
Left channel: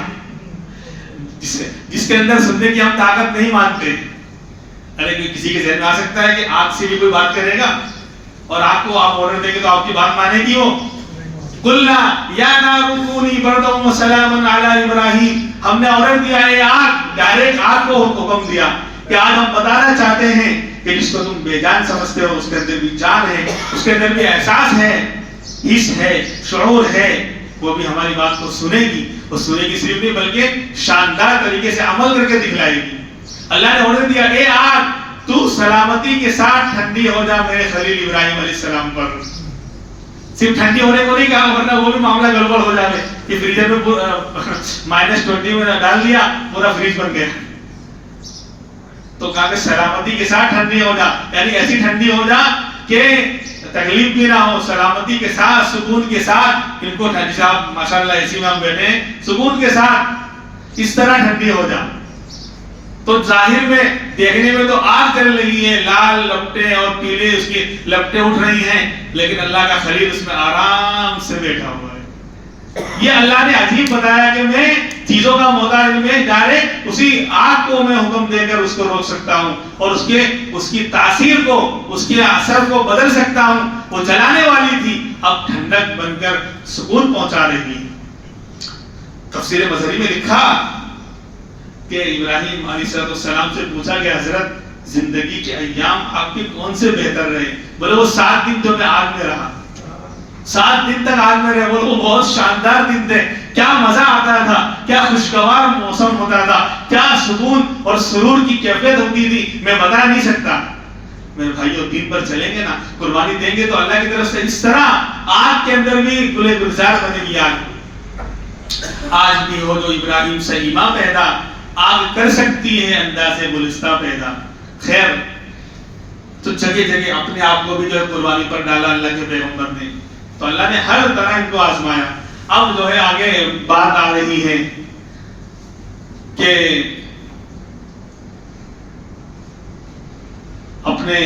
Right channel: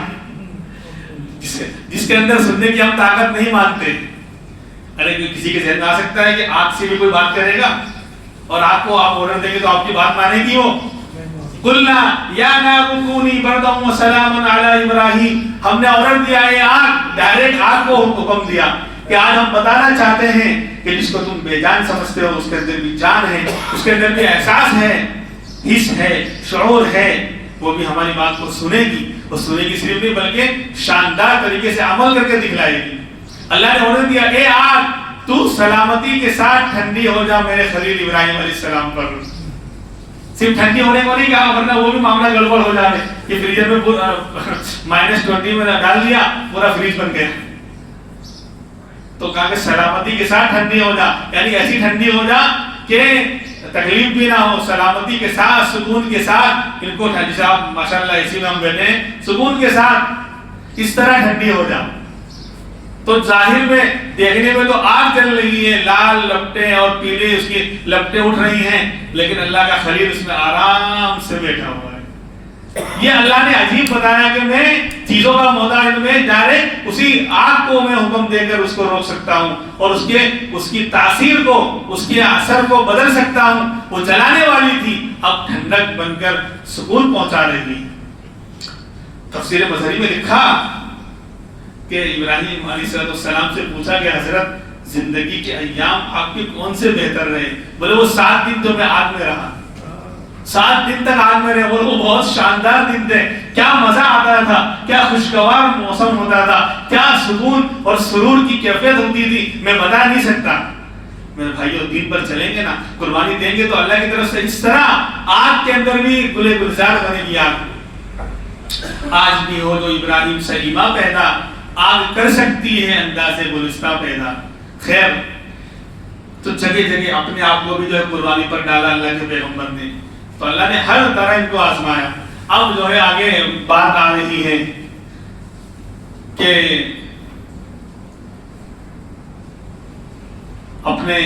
جس کے اندر سننے کی ہم طاقت نہیں مانتے. ارے کسی کے ذہن میں آ سکتا ہے کہ آگ سے بھی کوئی بات کرے گا اور آپ کو آپ آرڈر دیں گے تو آپ کی بات مانے گی. وہ قلنا یا نار کونی بردا وسلاما علی ابراہیم, ہم نے آرڈر دیا ہے آگ, ڈائریکٹ آگ کو حکم دیا کہ آج ہم بتانا چاہتے ہیں کہ جس کو تم بے جان سمجھتے ہو اس کے اندر بھی جان ہے, اس کے اندر بھی احساس ہے, حس ہے, شعور ہے, وہ بھی ہماری بات کو سنے گی. اور سنے گی صرف نہیں بلکہ شاندار طریقے سے عمل کر کے دکھلائے گی. اللہ نے آرڈر دیا اے آگ تو سلامتی کے ساتھ ٹھنڈی ہو جا میرے خلیل ابراہیم علیہ السلام پر. صرف ٹھنڈی ہونے کو نہیں کہا, ورنہ وہ بھی معاملہ گڑبڑ ہو جائے کہ فریزر میں -20 میں ڈال دیا, پورا فریج بن گیا. تو کہا کہ سلامتی کے ساتھ ٹھنڈی ہو جا, یعنی ایسی ٹھنڈی ہو جا کہ تکلیف بھی نہ ہو, سلامتی کے ساتھ, سکون کے ساتھ. ان کو جیسے آپ ماشاءاللہ اسی میں ہم بیٹھے ہیں, سکون کے ساتھ اس طرح ٹھنڈی ہو جا. تو ظاہر میں دیکھنے میں تو آگ جل رہی ہے, لال لپٹیں اور پیلے اس کی لپٹیں اٹھ رہی ہیں, لیکن اللہ کا خلیل اس میں آرام سے بیٹھا ہوا ہے. یہ اللہ نے عجیب بتایا کہ میں چیزوں کا محتاج, میں ڈائریکٹ اسی آگ کو میں حکم دے کر اس کو روک سکتا ہوں اور اس کی تاثیر کو, اس کے اثر کو بدل سکتا ہوں. وہ جلانے والی تھی, اب ٹھنڈک بن کر سکون پہنچا رہی. تفسیر مظہری میں لکھا کہ ابراہیم علیہ السلام سے پوچھا کہ حضرت زندگی کے ایام آپ کے کون سے بہتر رہے؟ بولے وہ 7 دن جو میں آگ میں رہا. 7 دن تک آگ میں رہے، وہ بہت شاندار دن تھے، کیا مزہ آتا تھا، کیا خوشگوار موسم ہوتا تھا، کیا سکون اور سرور کی کیفیت ہوتی تھی، میں بتا نہیں سکتا۔ میرے بھائیوں، دین پر چلیں گے نا، قربانی دیں گے تو اللہ کی طرف سے اس طرح آگ کے اندر بھی گلے گلزار بنے گی آگ۔ آج بھی ہو جو ابراہیم سے ایما پیدا، آگ کر سکتی ہے انداز گلستہ پیدا۔ خیر، تو جگہ جگہ اپنے آپ کو بھی جو ہے قربانی پر ڈالا اللہ کے پیغمبر نے، تو اللہ نے ہر طرح ان کو آزمایا۔ اب جو ہے آگے بات آ رہی ہے کہ اپنے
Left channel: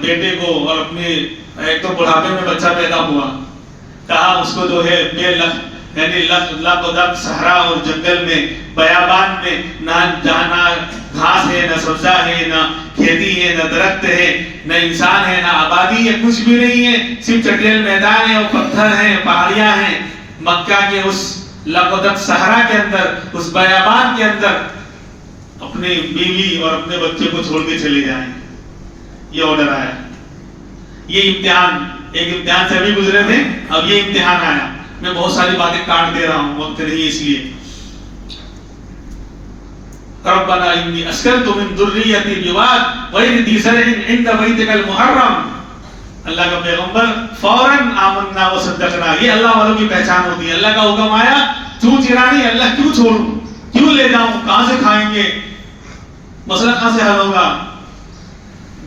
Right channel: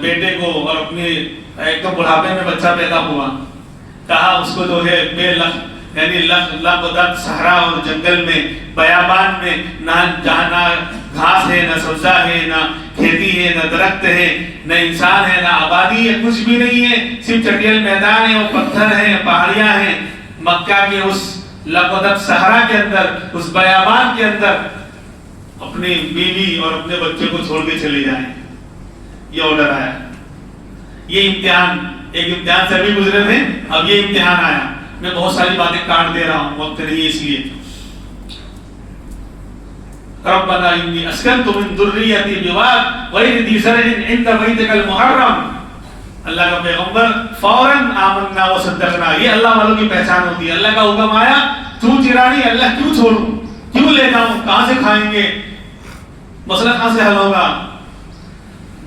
بیٹے کو، اور اپنے ایک تو بڑھاپے میں بچہ پیدا ہوا، کہا اس کو جو ہے بے لخ، یعنی لب دب صحرا اور جنگل میں، بیابان میں، جہاں نہ گھاس ہے، نہ سبزہ ہے، نہ کھیتی ہے، نہ درخت ہے، نہ انسان ہے، نہ آبادی ہے، کچھ بھی نہیں ہے، صرف چٹیل میدان ہے، وہ پتھر ہیں، پہاڑیاں ہیں۔ مکہ کے اس لبدب صحرا کے اندر، اس بیابان کے اندر اپنی بیوی اور اپنے بچے کو چھوڑ کے چلے جائیں، یہ آرڈر آیا۔ یہ امتحان، ایک امتحان سے ابھی گزرے تھے، اب یہ امتحان آیا۔ میں بہت ساری باتیں کاٹ دے رہا ہوں، وقت نہیں اس لیے۔ ربنا انی اسکنت من ذریتی بواد غیر ذی زرع عند بیتک المحرم۔ اللہ کا پیغمبر فوراً آمنا و صدقنا، یہ اللہ والوں کی پہچان ہوتی ہے۔ اللہ کا حکم آیا، تو چرانی، اللہ کیوں چھوڑوں، کیوں لے جاؤں، کہاں سے کھائیں گے، مسئلہ کہاں سے حل ہوگا؟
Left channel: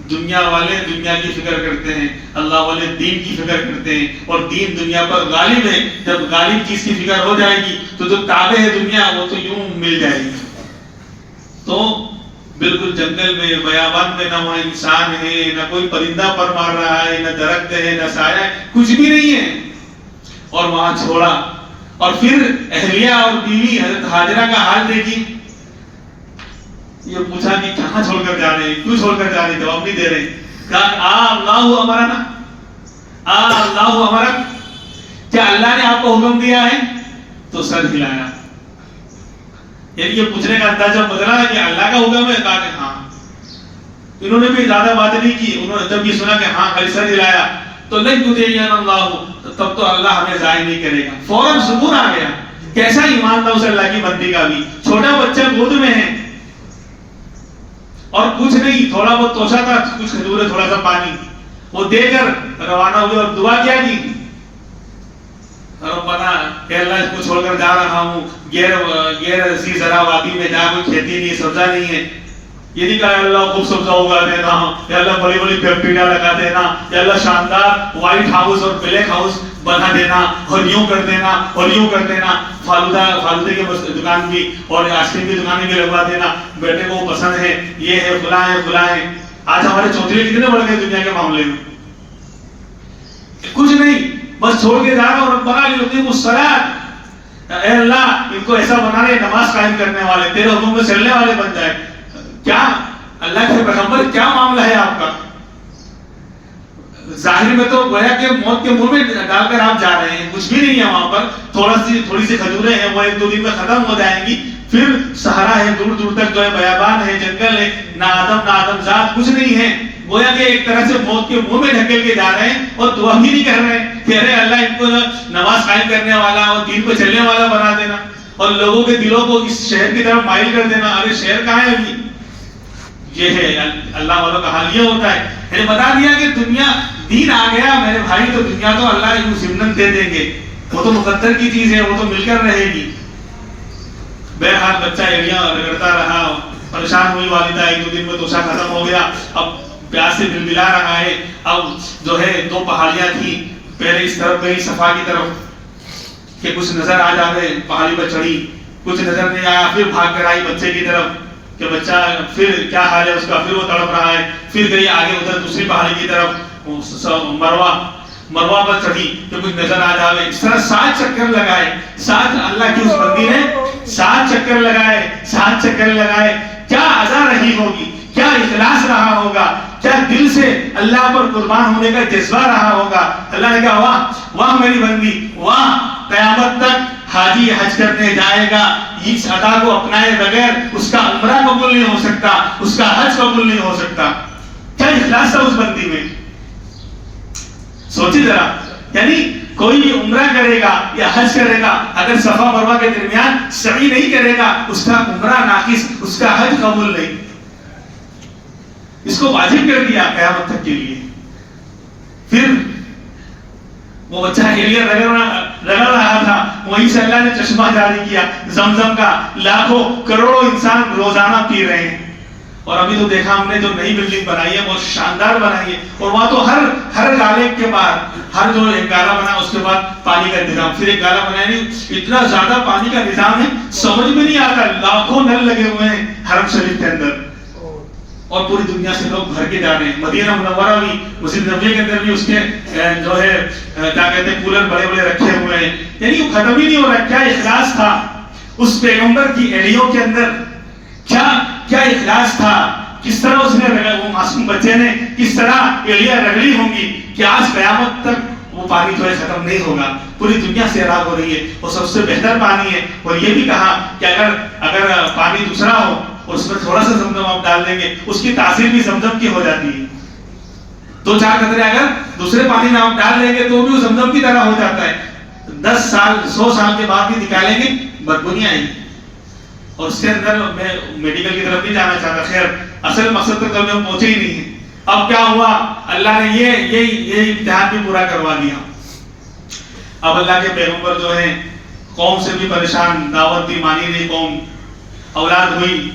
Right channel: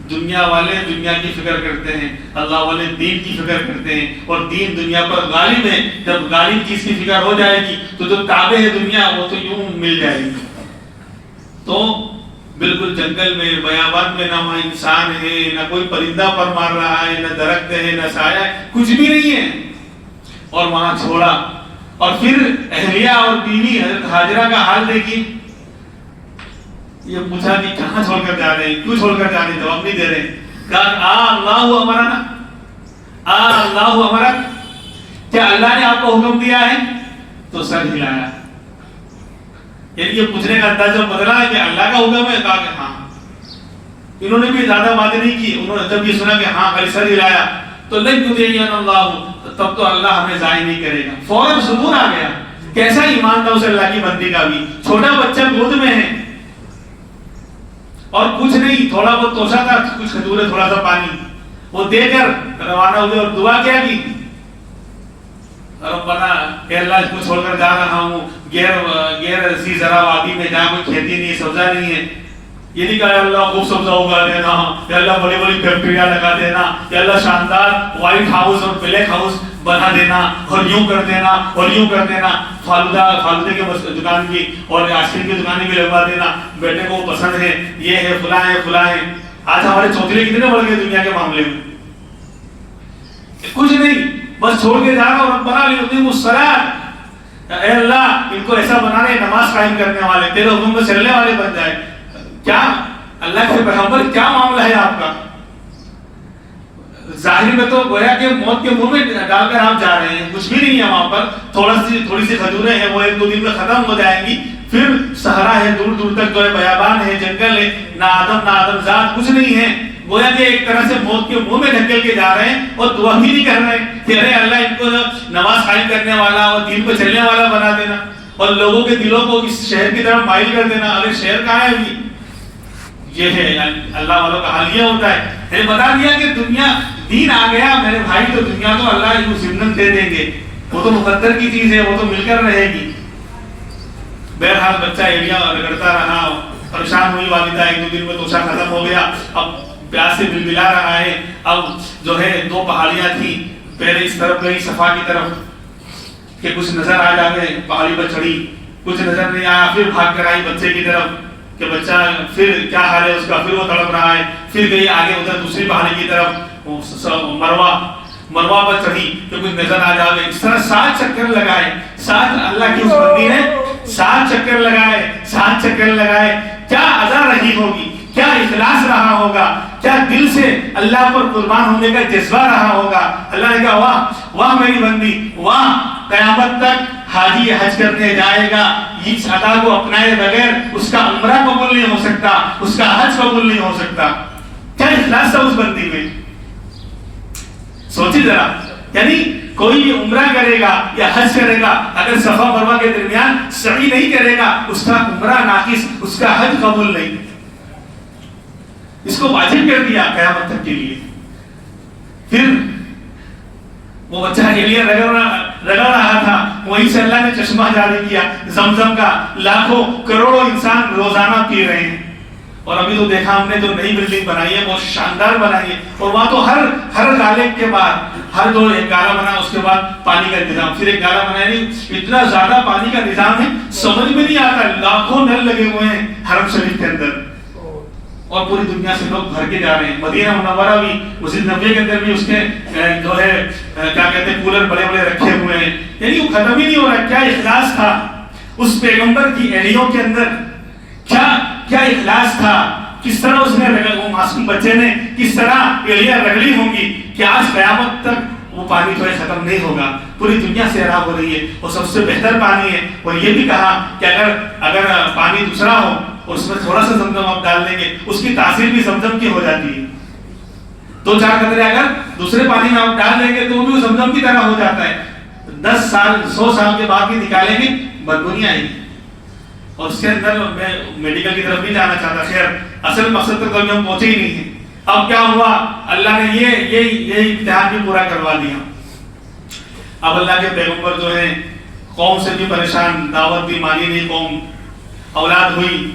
دنیا والے دنیا کی فکر کرتے ہیں، اللہ والے دین کی فکر کرتے ہیں، اور دین دنیا پر غالب ہے۔ جب غالب چیز کی فکر ہو جائے گی تو جو تابع ہے دنیا، وہ تو یوں مل جائے گی۔ تو بالکل جنگل میں، بیابان میں، نہ وہاں انسان ہے، نہ کوئی پرندہ پر مار رہا ہے، نہ درخت ہے، نہ سایہ ہے، کچھ بھی نہیں ہے، اور وہاں چھوڑا۔ اور پھر اہلیہ اور بیوی حضرت ہاجرہ کا حال دیکھی، یہ پوچھا کہ کہاں چھوڑ کر جا رہے ہیں، کیوں چھوڑ کر جا رہے ہیں، جواب نہیں دے رہے۔ کہا اللہ امرنا، اللہ امرک، کیا اللہ نے آپ کو حکم دیا ہے؟ تو سر ہلایا، یعنی یہ پوچھنے کا اندازہ بدلا کہ اللہ کا حکم ہے، کہا کہ ہاں۔ انہوں نے بھی زیادہ باتیں نہیں کی، انہوں نے جب یہ سنا کہ ہاں، خالی سر ہلایا، تو لن یضیعنا اللہ، تب تو اللہ ہمیں ضائع نہیں کرے گا۔ فوراً سکون آ گیا۔ کیسا ایمان تھا اس اللہ کی بندی کا بھی، چھوٹا بچہ گود میں ہے، اور کچھ نہیں، تھوڑا بہت توشا تھا، کچھ کھجورے، تھوڑا سا پانی، وہ دے کر روانہ ہوئے، اور دعا کیا کی، ربنا، کہ اللہ اس کو چھوڑ کر جا رہا ہوں غیر ذی زرع وادی میں، جہاں کوئی کھیتی نہیں ہے، سبزہ نہیں ہے۔ یہ نہیں کہا اللہ خوب سبزہ اگا دینا، یا اللہ بڑی بڑی فیکٹریاں لگا دینا، یا اللہ شاندار وائٹ ہاؤس اور بلیک ہاؤس بنا دینا، اور یوں کر دینا، اور یوں کر دینا، فالودے کی دکان بھی اور آئس کریم کی دکانیں بھی لگوا دینا، بیٹے کو پسند ہے، یہ ہے، فلاں ہے، فلاں ہے۔ آج ہمارے چوتھلے کتنے بڑھ گئے دنیا کے معاملے میں، کچھ نہیں، بس چھوڑ کے جا رہا ہوں۔ ربنا لیقیموا الصلاۃ، اے اللہ ان کو ایسا بنا رہے، نماز قائم کرنے والے، تیرے حکم میں چلنے والے بن جائے۔ کیا اللہ کے پیغمبر، کیا معاملہ ہے آپ کا؟ ظاہر میں تو گویا کہ موت کے منہ میں ڈال کر آپ جا رہے ہیں، کچھ بھی نہیں ہے وہاں پر، تھوڑی سی کھجوریں ہیں، وہ 1-2 دن میں ختم ہو جائیں گی، پھر صحرا ہے، دور دور تک جو ہے بیابان ہے، جنگل ہے، نہ آدم ذات، کچھ نہیں ہے۔ گویا کہ ایک طرح سے موت کے منہ میں ڈھکیل کے جا رہے ہیں، اور دعا بھی نہیں کر رہے ہیں کہ ارے اللہ ان کو نماز قائم کرنے والا اور دین پہ چلنے والا بنا دینا، اور لوگوں کے دلوں کو اس شہر کی طرف مائل کر دینا۔ ارے شہر کہاں ہے ابھی؟ یہ ہے اللہ والوں کا حال، یہ ہوتا ہے۔ میں نے بتا دیا کہ دنیا، دین آ گیا میرے بھائی، تو دنیا تو اللہ کو ضمناً دے دیں گے، وہ تو مقدر کی چیز ہے، وہ تو مل کر رہے گی۔ بہرحال بچہ ایڑیاں رگڑتا رہا، پریشان ہوئی والدہ، 1-2 دن میں توشا ختم ہو گیا، اب پیاس سے بلبلا رہا ہے۔ اب جو ہے 2 پہاڑیاں تھیں، پہلے اس طرف گئی صفا کی طرف کہ کچھ نظر آ جائے، پہاڑی پر چڑھی، کچھ نظر نہیں آیا، پھر بھاگ کر آئی بچے کی طرف کہ بچہ پھر کیا حال ہے اس کا، پھر وہ تڑپ رہا ہے، پھر گئی آگے ادھر دوسری پہاڑی کی طرف، مروہ پر چڑھی کہ کچھ نظر آ جائے۔ اس طرح 7 چکر لگائے، 7 اللہ کی اس بندی نے 7 چکر لگائے، 7 چکر لگائے۔ کیا ادا رہی ہوگی، کیا اخلاص رہا ہوگا، کیا دل سے اللہ پر قربان ہونے کا جذبہ رہا ہوگا۔ اللہ نے کہا واہ واہ میری بندی، واہ، قیامت تک حاجی حج کرنے جائے گا، اس ادا کو اپنائے بغیر اس کا عمرہ قبول نہیں ہو سکتا، اس کا حج قبول نہیں ہو سکتا۔ کیا اخلاص تھا اس بندی میں، سوچی ذرا، یعنی کوئی عمرہ کرے گا یا حج کرے گا، اگر صفا مروہ کے درمیان سعی نہیں کرے گا، اس کا عمرہ ناقص، اس کا حج قبول نہیں. اس کو واجب کر دیا قیامت تک کے لیے. پھر وہ بچہ ہیلیا رگڑ رہا تھا، وہیں سے اللہ نے چشمہ جاری کیا زمزم کا، لاکھوں کروڑوں انسان روزانہ پی رہے ہیں. اور ابھی تو دیکھا ہم نے جو نئی بلڈنگ بنائی ہے بہت شاندار بنائی ہے، اور وہاں تو ہر گالے کے بعد ہر جو ایک گالا بنا اس کے بعد پانی کا انتظام، پھر ایک گالا بنا، یعنی اتنا زیادہ پانی کا نظام ہے سمجھ میں نہیں آتا. لاکھوں نل لگے ہوئے ہیں حرم شریف کے اندر، اور پوری دنیا سے لوگ بھر کے جا رہے ہیں. مدینہ منورہ بھی، مسجد نبوی کے اندر بھی اس کے جو ہے کیا کہتے ہیں کولر بڑے بڑے رکھے ہوئے ہیں. یعنی وہ ختم ہی نہیں ہو رہا. کیا اخلاص تھا اس پیغمبر کی ایڑیوں کے اندر، کیا اخلاص تھا. کس طرح اس نے وہ معصوم بچے نے کس طرح ایڑیاں رگڑی ہوں گی کہ آج قیامت تک وہ پانی جو ہے ختم نہیں ہوگا. پوری دنیا سیراب ہو رہی ہے، وہ سب سے بہتر پانی ہے. اور یہ بھی کہا کہ اگر پانی دوسرا ہو اور اس میں تھوڑا سا زمزم آپ ڈال دیں گے، اس کی تاثیر بھی زمزم کی ہو جاتی ہے. 2-4 قطرے اگر دوسرے پانی میں آپ ڈال دیں گے تو بھی وہ زمزم کی طرح ہو جاتا ہے. 10 سال 100 سال کے بعد بھی نکالیں گے بدبو نہیں آئے گی. اور اس کے اندر میں میڈیکل کی طرف نہیں جانا چاہتا. خیر اصل مقصد تک کبھی ہم پہنچے ہی نہیں ہیں. اب کیا ہوا، اللہ نے یہ امتحان بھی پورا کروا دیا. اب اللہ کے پیغمبر جو ہیں قوم سے بھی پریشان، دعوت بھی مانی نہیں قوم. اولاد ہوئی،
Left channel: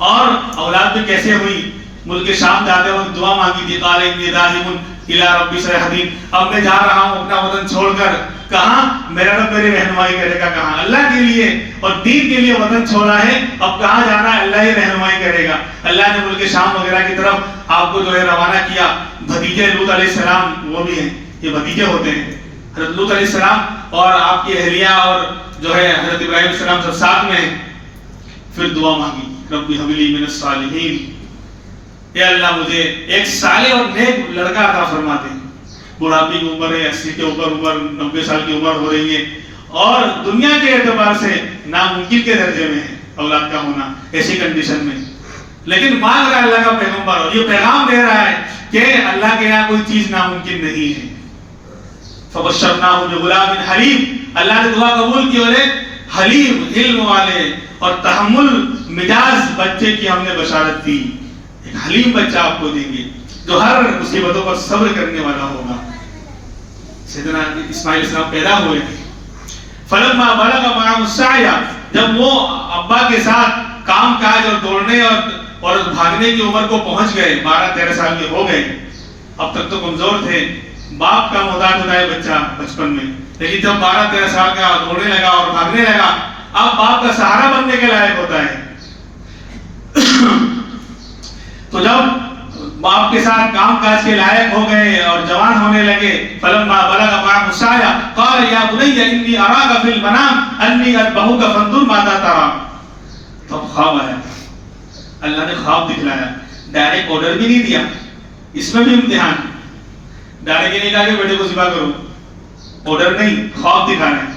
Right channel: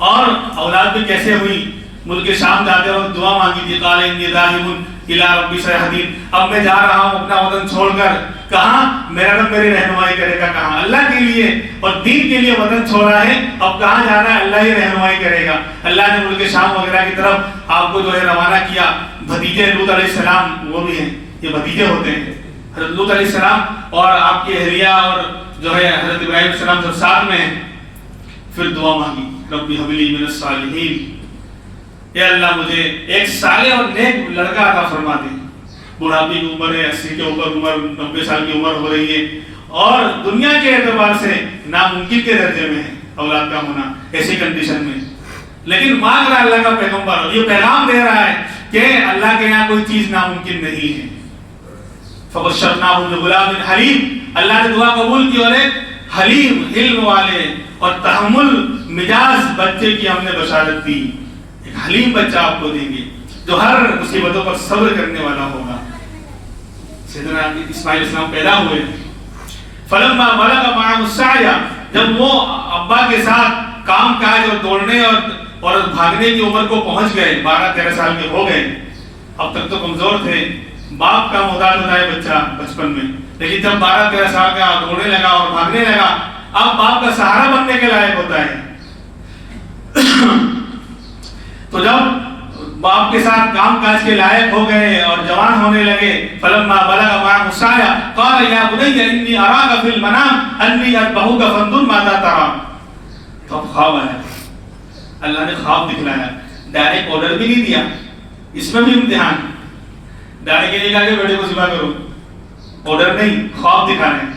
اور اولاد بھی کیسے ہوئی، ملک شام جاتے وقت دعا مانگی تھی، قال انی ذاہب الی ربی سیہدین. اب میں جا رہا ہوں اپنا وطن چھوڑ کر، کہاں میرا رب میری رہنمائی کرے گا، کہاں اللہ کے لیے اور دین کے لیے وطن چھوڑا ہے، اب کہاں جانا ہے، اللہ ہی رہنمائی کرے گا. اللہ نے ملک شام وغیرہ کی طرف آپ کو جو ہے روانہ کیا. بھتیجے لوط علیہ السلام وہ بھی ہیں، یہ بھتیجے ہوتے ہیں حضرت لوط علیہ السلام اور آپ کی اہلیہ اور جو ہے حضرت ابراہیم علیہ السلام سب ساتھ میں ہیں. پھر دعا مانگی، رب هب لی من الصالحین، اے اللہ مجھے ایک صالح اور نیک لڑکا عطا فرما دے. بڑھاپی کی عمر ہے، 80 کے اوپر عمر، 90 سال کی عمر ہو رہی ہے، اور دنیا کے اعتبار سے ناممکن کے درجے میں ہے اولاد کا ہونا ایسی کنڈیشن میں. لیکن مانگ رہا ہے اللہ کا پیغمبر، اور یہ پیغام دے رہا ہے کہ اللہ کے یہاں کوئی چیز ناممکن نہیں ہے. فبشرناہ بغلام حلیم، اللہ نے دعا قبول کی، اور ایک حلیم علم والے اور تحمل مزاج بچے کی ہم نے بشارت دی. ایک حلیم بچہ آپ کو دیں گے جو ہر مصیبتوں پر صبر کرنے والا ہوگا. سیدنا اسماعیل السلام پیدا ہوئے. فلما بلغ معه السعی، جب وہ ابا کے ساتھ کام کاج اور دوڑنے اور بھاگنے کی عمر کو پہنچ گئے، 12-13 سال کے ہو گئے. اب تک تو کمزور تھے، باپ کا محتاج ہوتا ہے بچہ بچپن میں، لیکن جب 12-13 سال کا دوڑنے لگا اور بھاگنے لگا، اب باپ کا سہارا بننے کے لائق ہوتا ہے. تو جب باپ کے ساتھ کام کاج کے لائق ہو گئے اور جوان ہونے لگے، فلما بلغ معه السعی قال یا بنی انی اراک فی المنام انی اذبحک فانظر ماذا تری. تو خواب آیا، اللہ نے خواب دکھلایا. ڈائریکٹ آرڈر بھی نہیں دیا، اس میں بھی امتحان. ڈائریکٹ یہ نہیں کہا کہ بیٹے کو ذبح کرو، آرڈر نہیں، خواب دکھانا.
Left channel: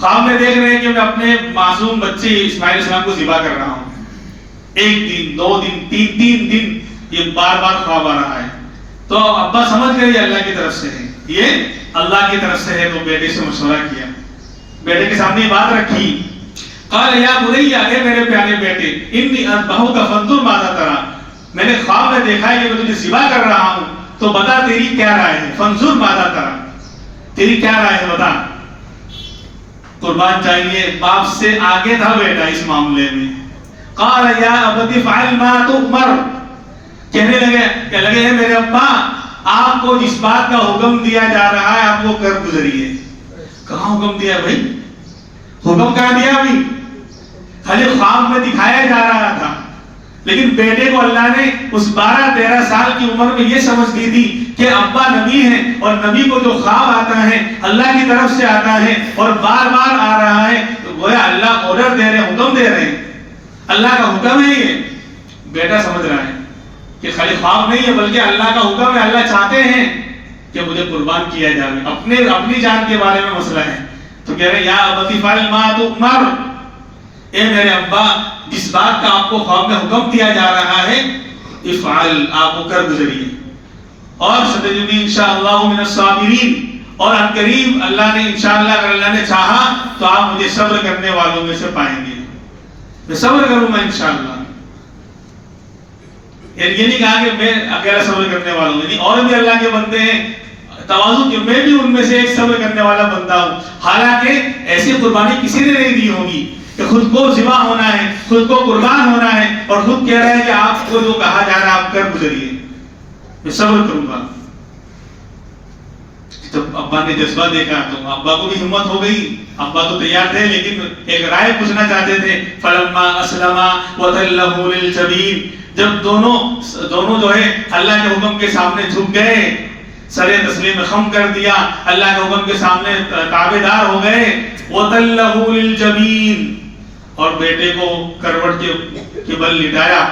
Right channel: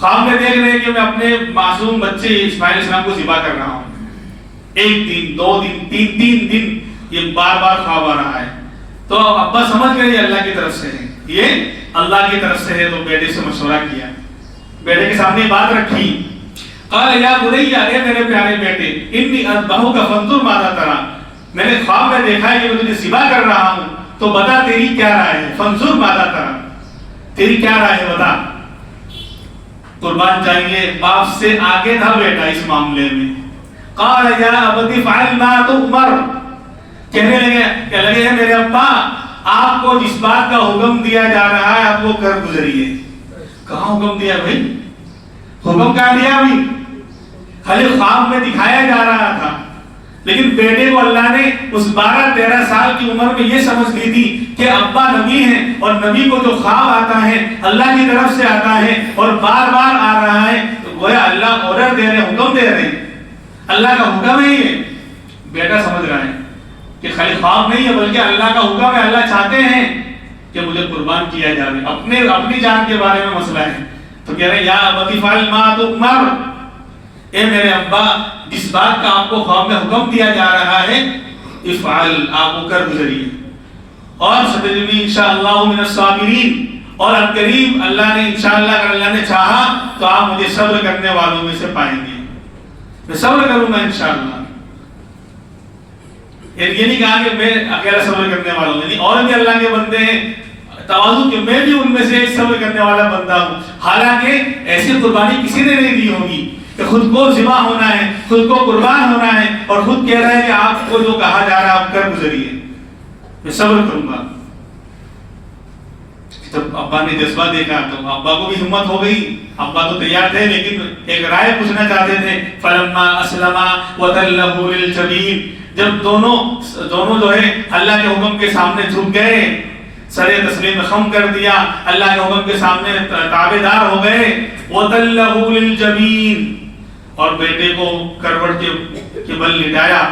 خواب میں دیکھ رہے ہیں کہ میں اپنے معصوم بچے اسماعیل علیہ السلام کو ذبح کر رہا ہوں. 1 دن 2 دن 3 دن یہ بار بار خواب آ رہا ہے. تو ابا سمجھ گئے یہ اللہ کی طرف سے ہے، یہ اللہ کی طرف سے ہے. تو بیٹے سے مشورہ کیا، بیٹے کے سامنے بات رکھی. قال یا بنی، اے میرے پیارے بیٹے، انی اذبحک فانظر ماذا تری، میں نے خواب میں دیکھا ہے کہ میں تجھے ذبح کر رہا ہوں، تو بتا تیری کیا رائے ہے. فانظر ماذا تری، تیری کیا رائے ہے بتا. قربان چاہیے باپ سے آگے تھا بیٹا اس معاملے میں. قال یا ابت افعل ما تؤمر، کہنے لگے ہیں میرے ابا آپ کو جس بات کا حکم دیا جا رہا ہے آپ وہ کر گزریے. کہاں حکم دیا بھائی، حکم کہاں دیا ابھی، خالی خواب میں دکھایا جا رہا تھا. لیکن بیٹے کو اللہ نے اس 12-13 سال کی عمر میں یہ سمجھ دی تھی کہ ابا نبی ہیں، اور نبی کو جو خواب آتا ہے اللہ کی طرف سے آتا ہے اور بار بار آ رہا ہے، تو گویا اللہ آرڈر دے رہے ہیں، حکم دے رہے ہیں، اللہ کا حکم ہے. یہ بیٹا سمجھ رہا ہے کہ خالی خواب نہیں ہے بلکہ اللہ کا حکم ہے. اللہ چاہتے ہیں کہ مجھے قربان کیا جائے، اپنی جان کے بارے میں مسئلہ ہے. تو کہہ رہے یا ابت افعل ما تؤمر، اے میرے ابا جس بات کا آپ کو خواب میں حکم دیا جا رہا ہے افعل، آپ کو کر گزریے. اور ستجدنی انشاءاللہ من الصابرین، اور ان قریب اللہ نے انشاءاللہ اگر اللہ نے چاہا تو آپ مجھے صبر کرنے والوں میں سے پائیں گے. میں صبر کروں گا انشاءاللہ. یہ نہیں کہا کہ میں اکیلا صبر کرنے والا ہوں، یعنی اور بھی اللہ کے بندے ہیں تواضع کہ میں بھی ان میں سے ایک صبر کرنے والا بندہ ہوں. حالانکہ ایسی قربانی کسی نے نہیں دی ہوگی کہ خود کو ذبح ہونا ہے، خود کو قربان ہونا ہے اور خود کہہ رہا ہے کہ آپ کو جو کہا جا رہا ہے آپ کر گزریے، میں صبر کروں گا. جب ابا نے جذبہ دیکھا تو ابا کو بھی ہمت ہو گئی. ابا تو تیار تھے لیکن ایک رائے پوچھنا چاہتے تھے. فلما اسلما وتلہ للجبین، جب دونوں جو ہے اللہ کے حکم کے سامنے جھک گئے، سر تسلیم خم کر دیا، اللہ کے حکم کے سامنے تابعدار ہو گئے. وتلہ للجبین، اور بیٹے کو کروٹ کے بل لٹایا.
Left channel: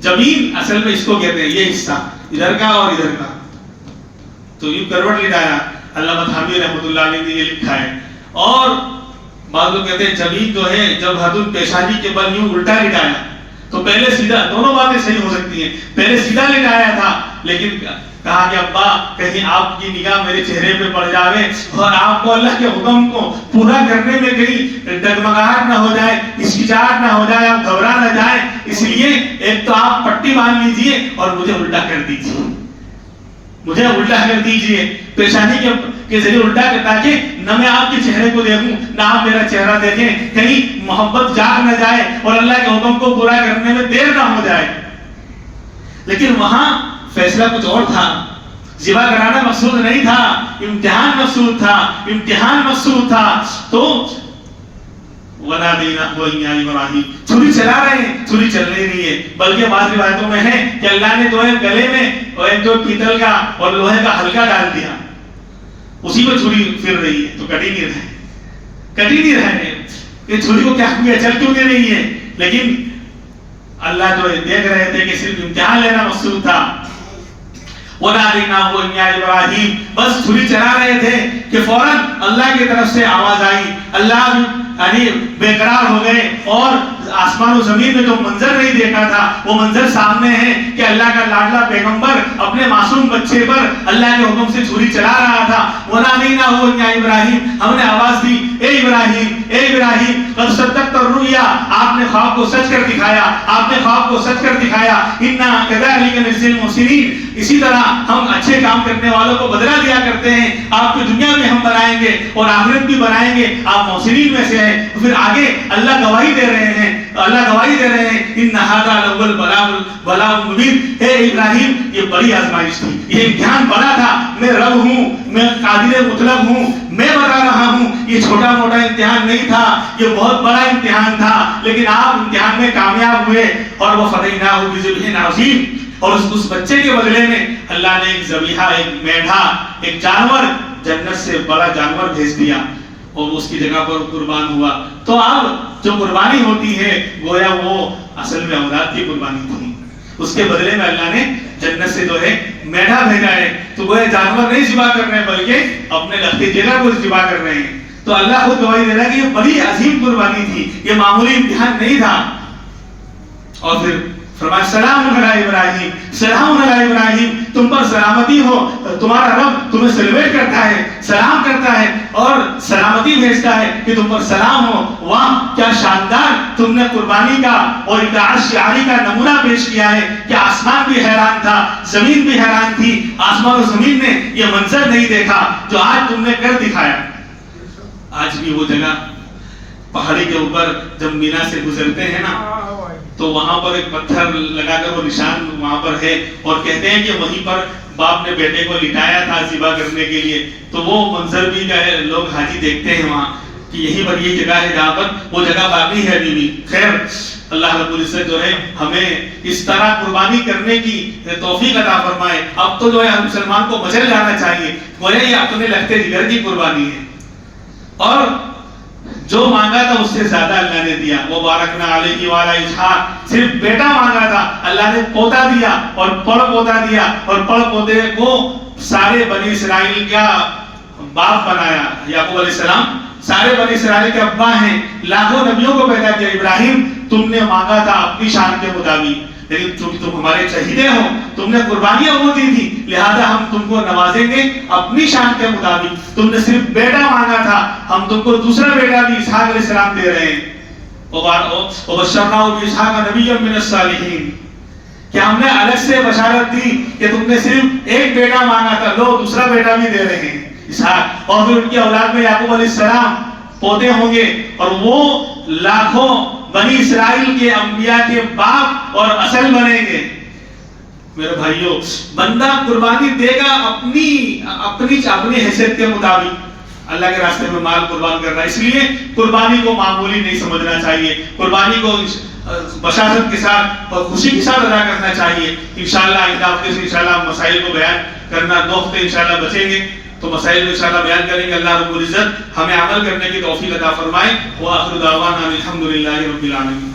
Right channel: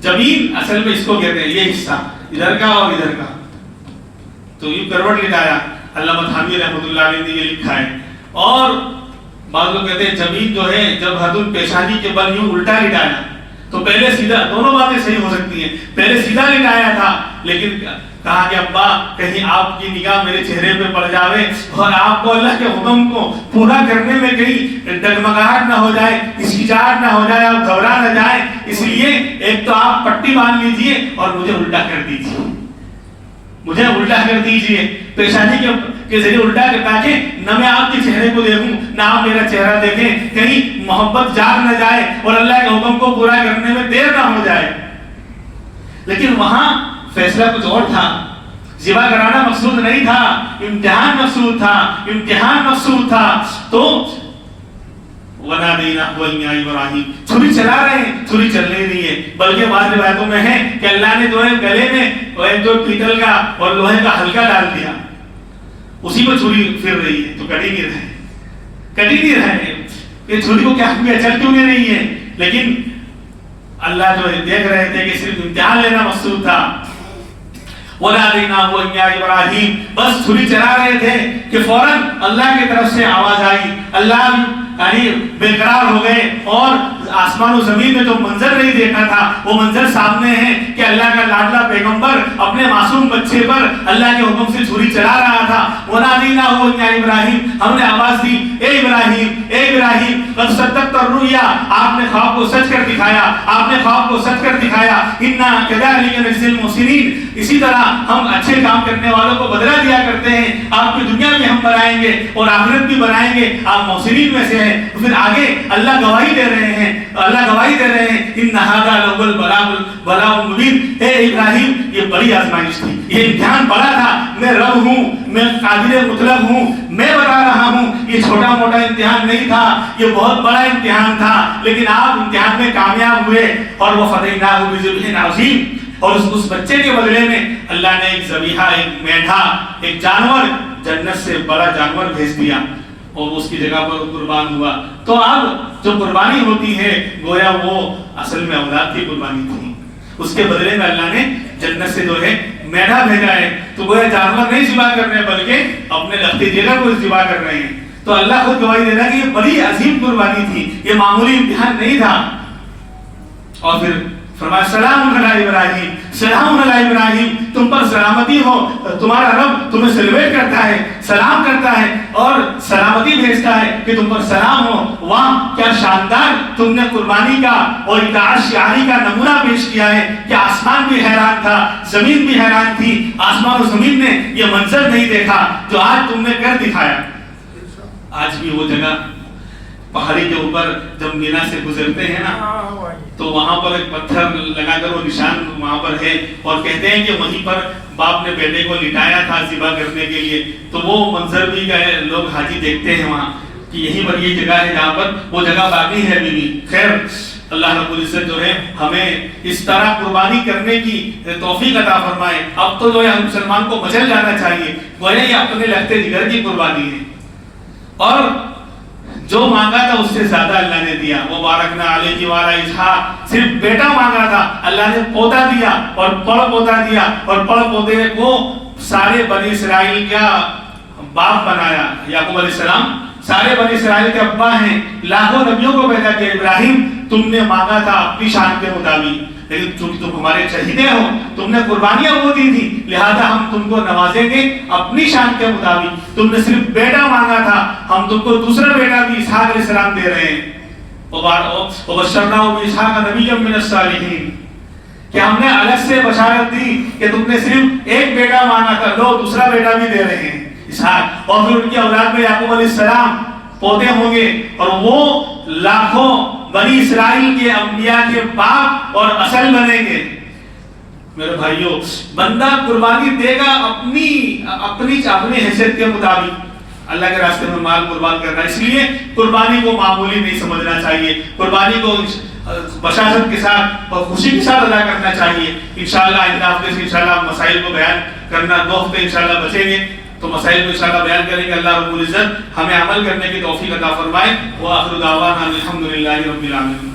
جبین اصل میں اس کو کہتے ہیں یہ حصہ ادھر کا اور ادھر کا، تو یہ کروٹ لٹایا. علامہ تھانوی رحمۃ اللہ علیہ نے یہ لکھا ہے. اور بعض لوگ کہتے ہیں جبین جو ہے جب حدود پیشانی کے بل یوں الٹا لٹایا تو پہلے سیدھا، دونوں باتیں صحیح ہو سکتی ہیں، پہلے سیدھا لٹایا تھا لیکن کہا کہ ابا کہیں آپ کی نگاہ میرے چہرے پہ پڑ جاوے اور آپ کو اللہ کے حکم کو پورا کرنے میں کہیں ڈگمگاہٹ نہ ہو جائے، ہچکچاہٹ نہ ہو جائے، آپ گھبرا نہ جائیں، اس لیے ایک تو آپ پٹی باندھ لیجئے اور مجھے الٹا کر دیجئے، مجھے الٹا کر دیجئے پیشانی کے ذریعے الٹا کر، تاکہ نہ میں آپ کے چہرے کو دیکھوں نہ آپ میرا چہرہ دیکھیں، کہیں محبت جاگ نہ جائے اور اللہ کے حکم کو پورا کرنے میں دیر نہ ہو جائے. لیکن وہاں فیصلہ کچھ اور تھا. ذبح کرانا مقصود نہیں تھا، امتحان مقصود تھا، امتحان مقصود تھا. تو وَنَادَيْنَاهُ وَإِنَّا إِبْرَاهِيمَ، چھری چلا رہے ہیں، چھری چل نہیں رہی ہے، بلکہ بعض روایتوں میں ہے کہ اللہ نے جو ہے گلے میں ایک جو پیتل کا اور لوہے کا ہلکا ڈال دیا، اسی پہ چھری پھر رہی ہے، تو کٹ ہی نہیں رہے. یہ چھری کو کیا ہوا، چل کیوں نہیں ہے؟ لیکن اللہ جو ہے دیکھ رہے تھے کہ صرف امتحان لینا مقصود تھا. وَنَادَيْنَاهُ وَإِنَّا إِبْرَاهِيمَ، بس چھری چلا رہے تھے کہ فوراً اللہ کی طرف سے آواز آئی. اللہ یعنی بے قرار ہو گئے اور آسمان و زمین میں جو منظر نہیں دیکھا تھا وہ منظر سامنے ہے کہ اللہ کا لاڈلا پیغمبر اپنے معصوم بچے پر اللہ کے حکم سے چھری چلا رہا تھا. وَنَادَيْنَاهُ وَإِنَّا إِبْرَاهِيمَ، ہم نے آواز دی اے ابراہیم قد صدقت الرؤیا، آپ نے خواب کو سچ کر دکھایا، آپ نے خواب کو سچ کر دکھایا. اِنَّا كَذَلِكَ نَجْزِي الْمُحْسِنِينَ، اسی طرح ہم اچھے کام کرنے والوں کو بدلہ دیا کرتے ہیں. آپ کی دنیا بھی ہم بنائیں گے اور آخرت بھی بنائیں گے، آپ محسنین میں سے ہیں. پھر آگے اللہ گواہی دے رہے ہیں، ان ھذا لهو البلاء المبین. اے ابراہیم یہ بڑی آزمائش تھی، یہ امتحان بڑا تھا. میں رب ہوں، میں قادر مطلق ہوں، میں بتا رہا ہوں یہ چھوٹا موٹا امتحان نہیں تھا، یہ بہت بڑا امتحان تھا. لیکن آپ امتحان میں کامیاب ہوئے اور وہ فدیناہ بذبح عظیم، اور اس بچے کے بدلے میں اللہ نے ایک ذبیحہ، ایک میڈھا، ایک جانور، جنت سے بڑا جانور بھیج دیا اور اس کی جگہ پر قربان ہوا. تو اب جو قربانی ہوتی ہے گویا وہ اصل میں اولاد کی قربانی تھی، اس کے بدلے میں اللہ نے جنت سے جو ہے میڈھا بھیجا ہے. تو گویا جانور نہیں ذبح کر رہے ہیں بلکہ اپنے لختی جگہ کو ذبح کر رہے ہیں. تو اللہ خود گواہی دے رہا ہے کہ یہ بڑی عظیم قربانی تھی، یہ معمولی امتحان نہیں تھا. اور پھر فرمایا سلام علی ابراہیم، سلام علی ابراہیم، تم پر سلامتی ہو، تمہارا رب تمہیں سیلیبریٹ کرتا ہے، سلام کرتا ہے اور سلامتی بھیجتا ہے کہ تم پر سلام ہو. واہ کیا شاندار تم نے قربانی کا اور اطاعت شعاری کا نمونہ پیش کیا ہے کہ آسمان بھی حیران تھا، زمین بھی حیران تھی. آسمان و زمین نے یہ منظر نہیں دیکھا جو آج تم نے کر دکھایا. آج بھی وہ جگہ پہاڑی کے اوپر جب مینا سے گزرتے ہیں نا تو وہاں پر ایک پتھر لگا کر وہ نشان وہاں پر ہے اور کہتے ہیں کہ وہیں پر باپ نے بیٹے کو لٹایا تھا ذبح کرنے کے لیے. تو وہ منظر بھی لوگ حاجی دیکھتے ہیں وہاں کہ یہیں پر یہ جگہ ہے جہاں پر وہ جگہ باقی ہے بھی. خیر اللہ رب العزت جو ہے ہمیں اس طرح قربانی کرنے کی توفیق عطا فرمائے. اب تو جو ہے ہر مسلمان کو مچل جانا چاہیے، گویا یہ اپنے لگتے جگر کی قربانی ہے اور جو مانگا تھا اس سے زیادہ اللہ نے دیا. وہ بارکنا علیہ وعلی اسحاق، صرف بیٹا مانگا تھا اللہ نے پوتا دیا اور پڑ پوتا دیا اور پڑ پوتے کو سارے بنی اسرائیل کا باپ بنایا. یعقوب علیہ السلام سارے بنی اسرائیل کے ابا ہیں، لاکھوں نبیوں کو پیدا کیا. ابراہیم تم نے مانگا تھا اپنی شان کے مطابق، لیکن چونکہ تم ہمارے چہیدے ہو، تم نے قربانیاں وہ دی تھی، لہذا ہم تم کو نوازیں گے اپنی شان کے مطابق۔ تم نے صرف بیٹا مانگا تھا، ہم تم کو دوسرا بیٹا بھی اسحاق علیہ السلام دے رہے ہیں۔ وبشرناہ باسحاق نبیا من الصالحین، کہ ہم نے الگ سے بشارت دی کہ تم نے صرف ایک بیٹا مانگا تھا، لو دوسرا بیٹا بھی دے رہے ہیں اسحاق۔ اور پھر ان کی اولاد میں یعقوب علیہ السلام پوتے ہوں گے، اور وہ لاکھوں بنی اسرائیل کے انبیاء کے باپ اور اصل بنیں گے۔ میرے بھائیوں، بندہ قربانی دے گا اپنی حیثیت کے مطابق، اللہ کے راستے میں مال قربان کرنا ہے۔ اس لیے قربانی کو معمولی نہیں سمجھنا چاہیے، قربانی کو بشاشت کے ساتھ اور خوشی کے ساتھ ادا کرنا چاہیے۔ انشاءاللہ آئندہ ہفتے سے انشاءاللہ مسائل کو بیان کرنا، 2 ہفتے انشاءاللہ بچیں گے تو مسائل کو انشاءاللہ بیان کریں گے۔ اللہ رب العزت ہمیں عمل کرنے کی توفیق عطا فرمائے۔ وآخر دعوانا الحمدللہ رب العالمین۔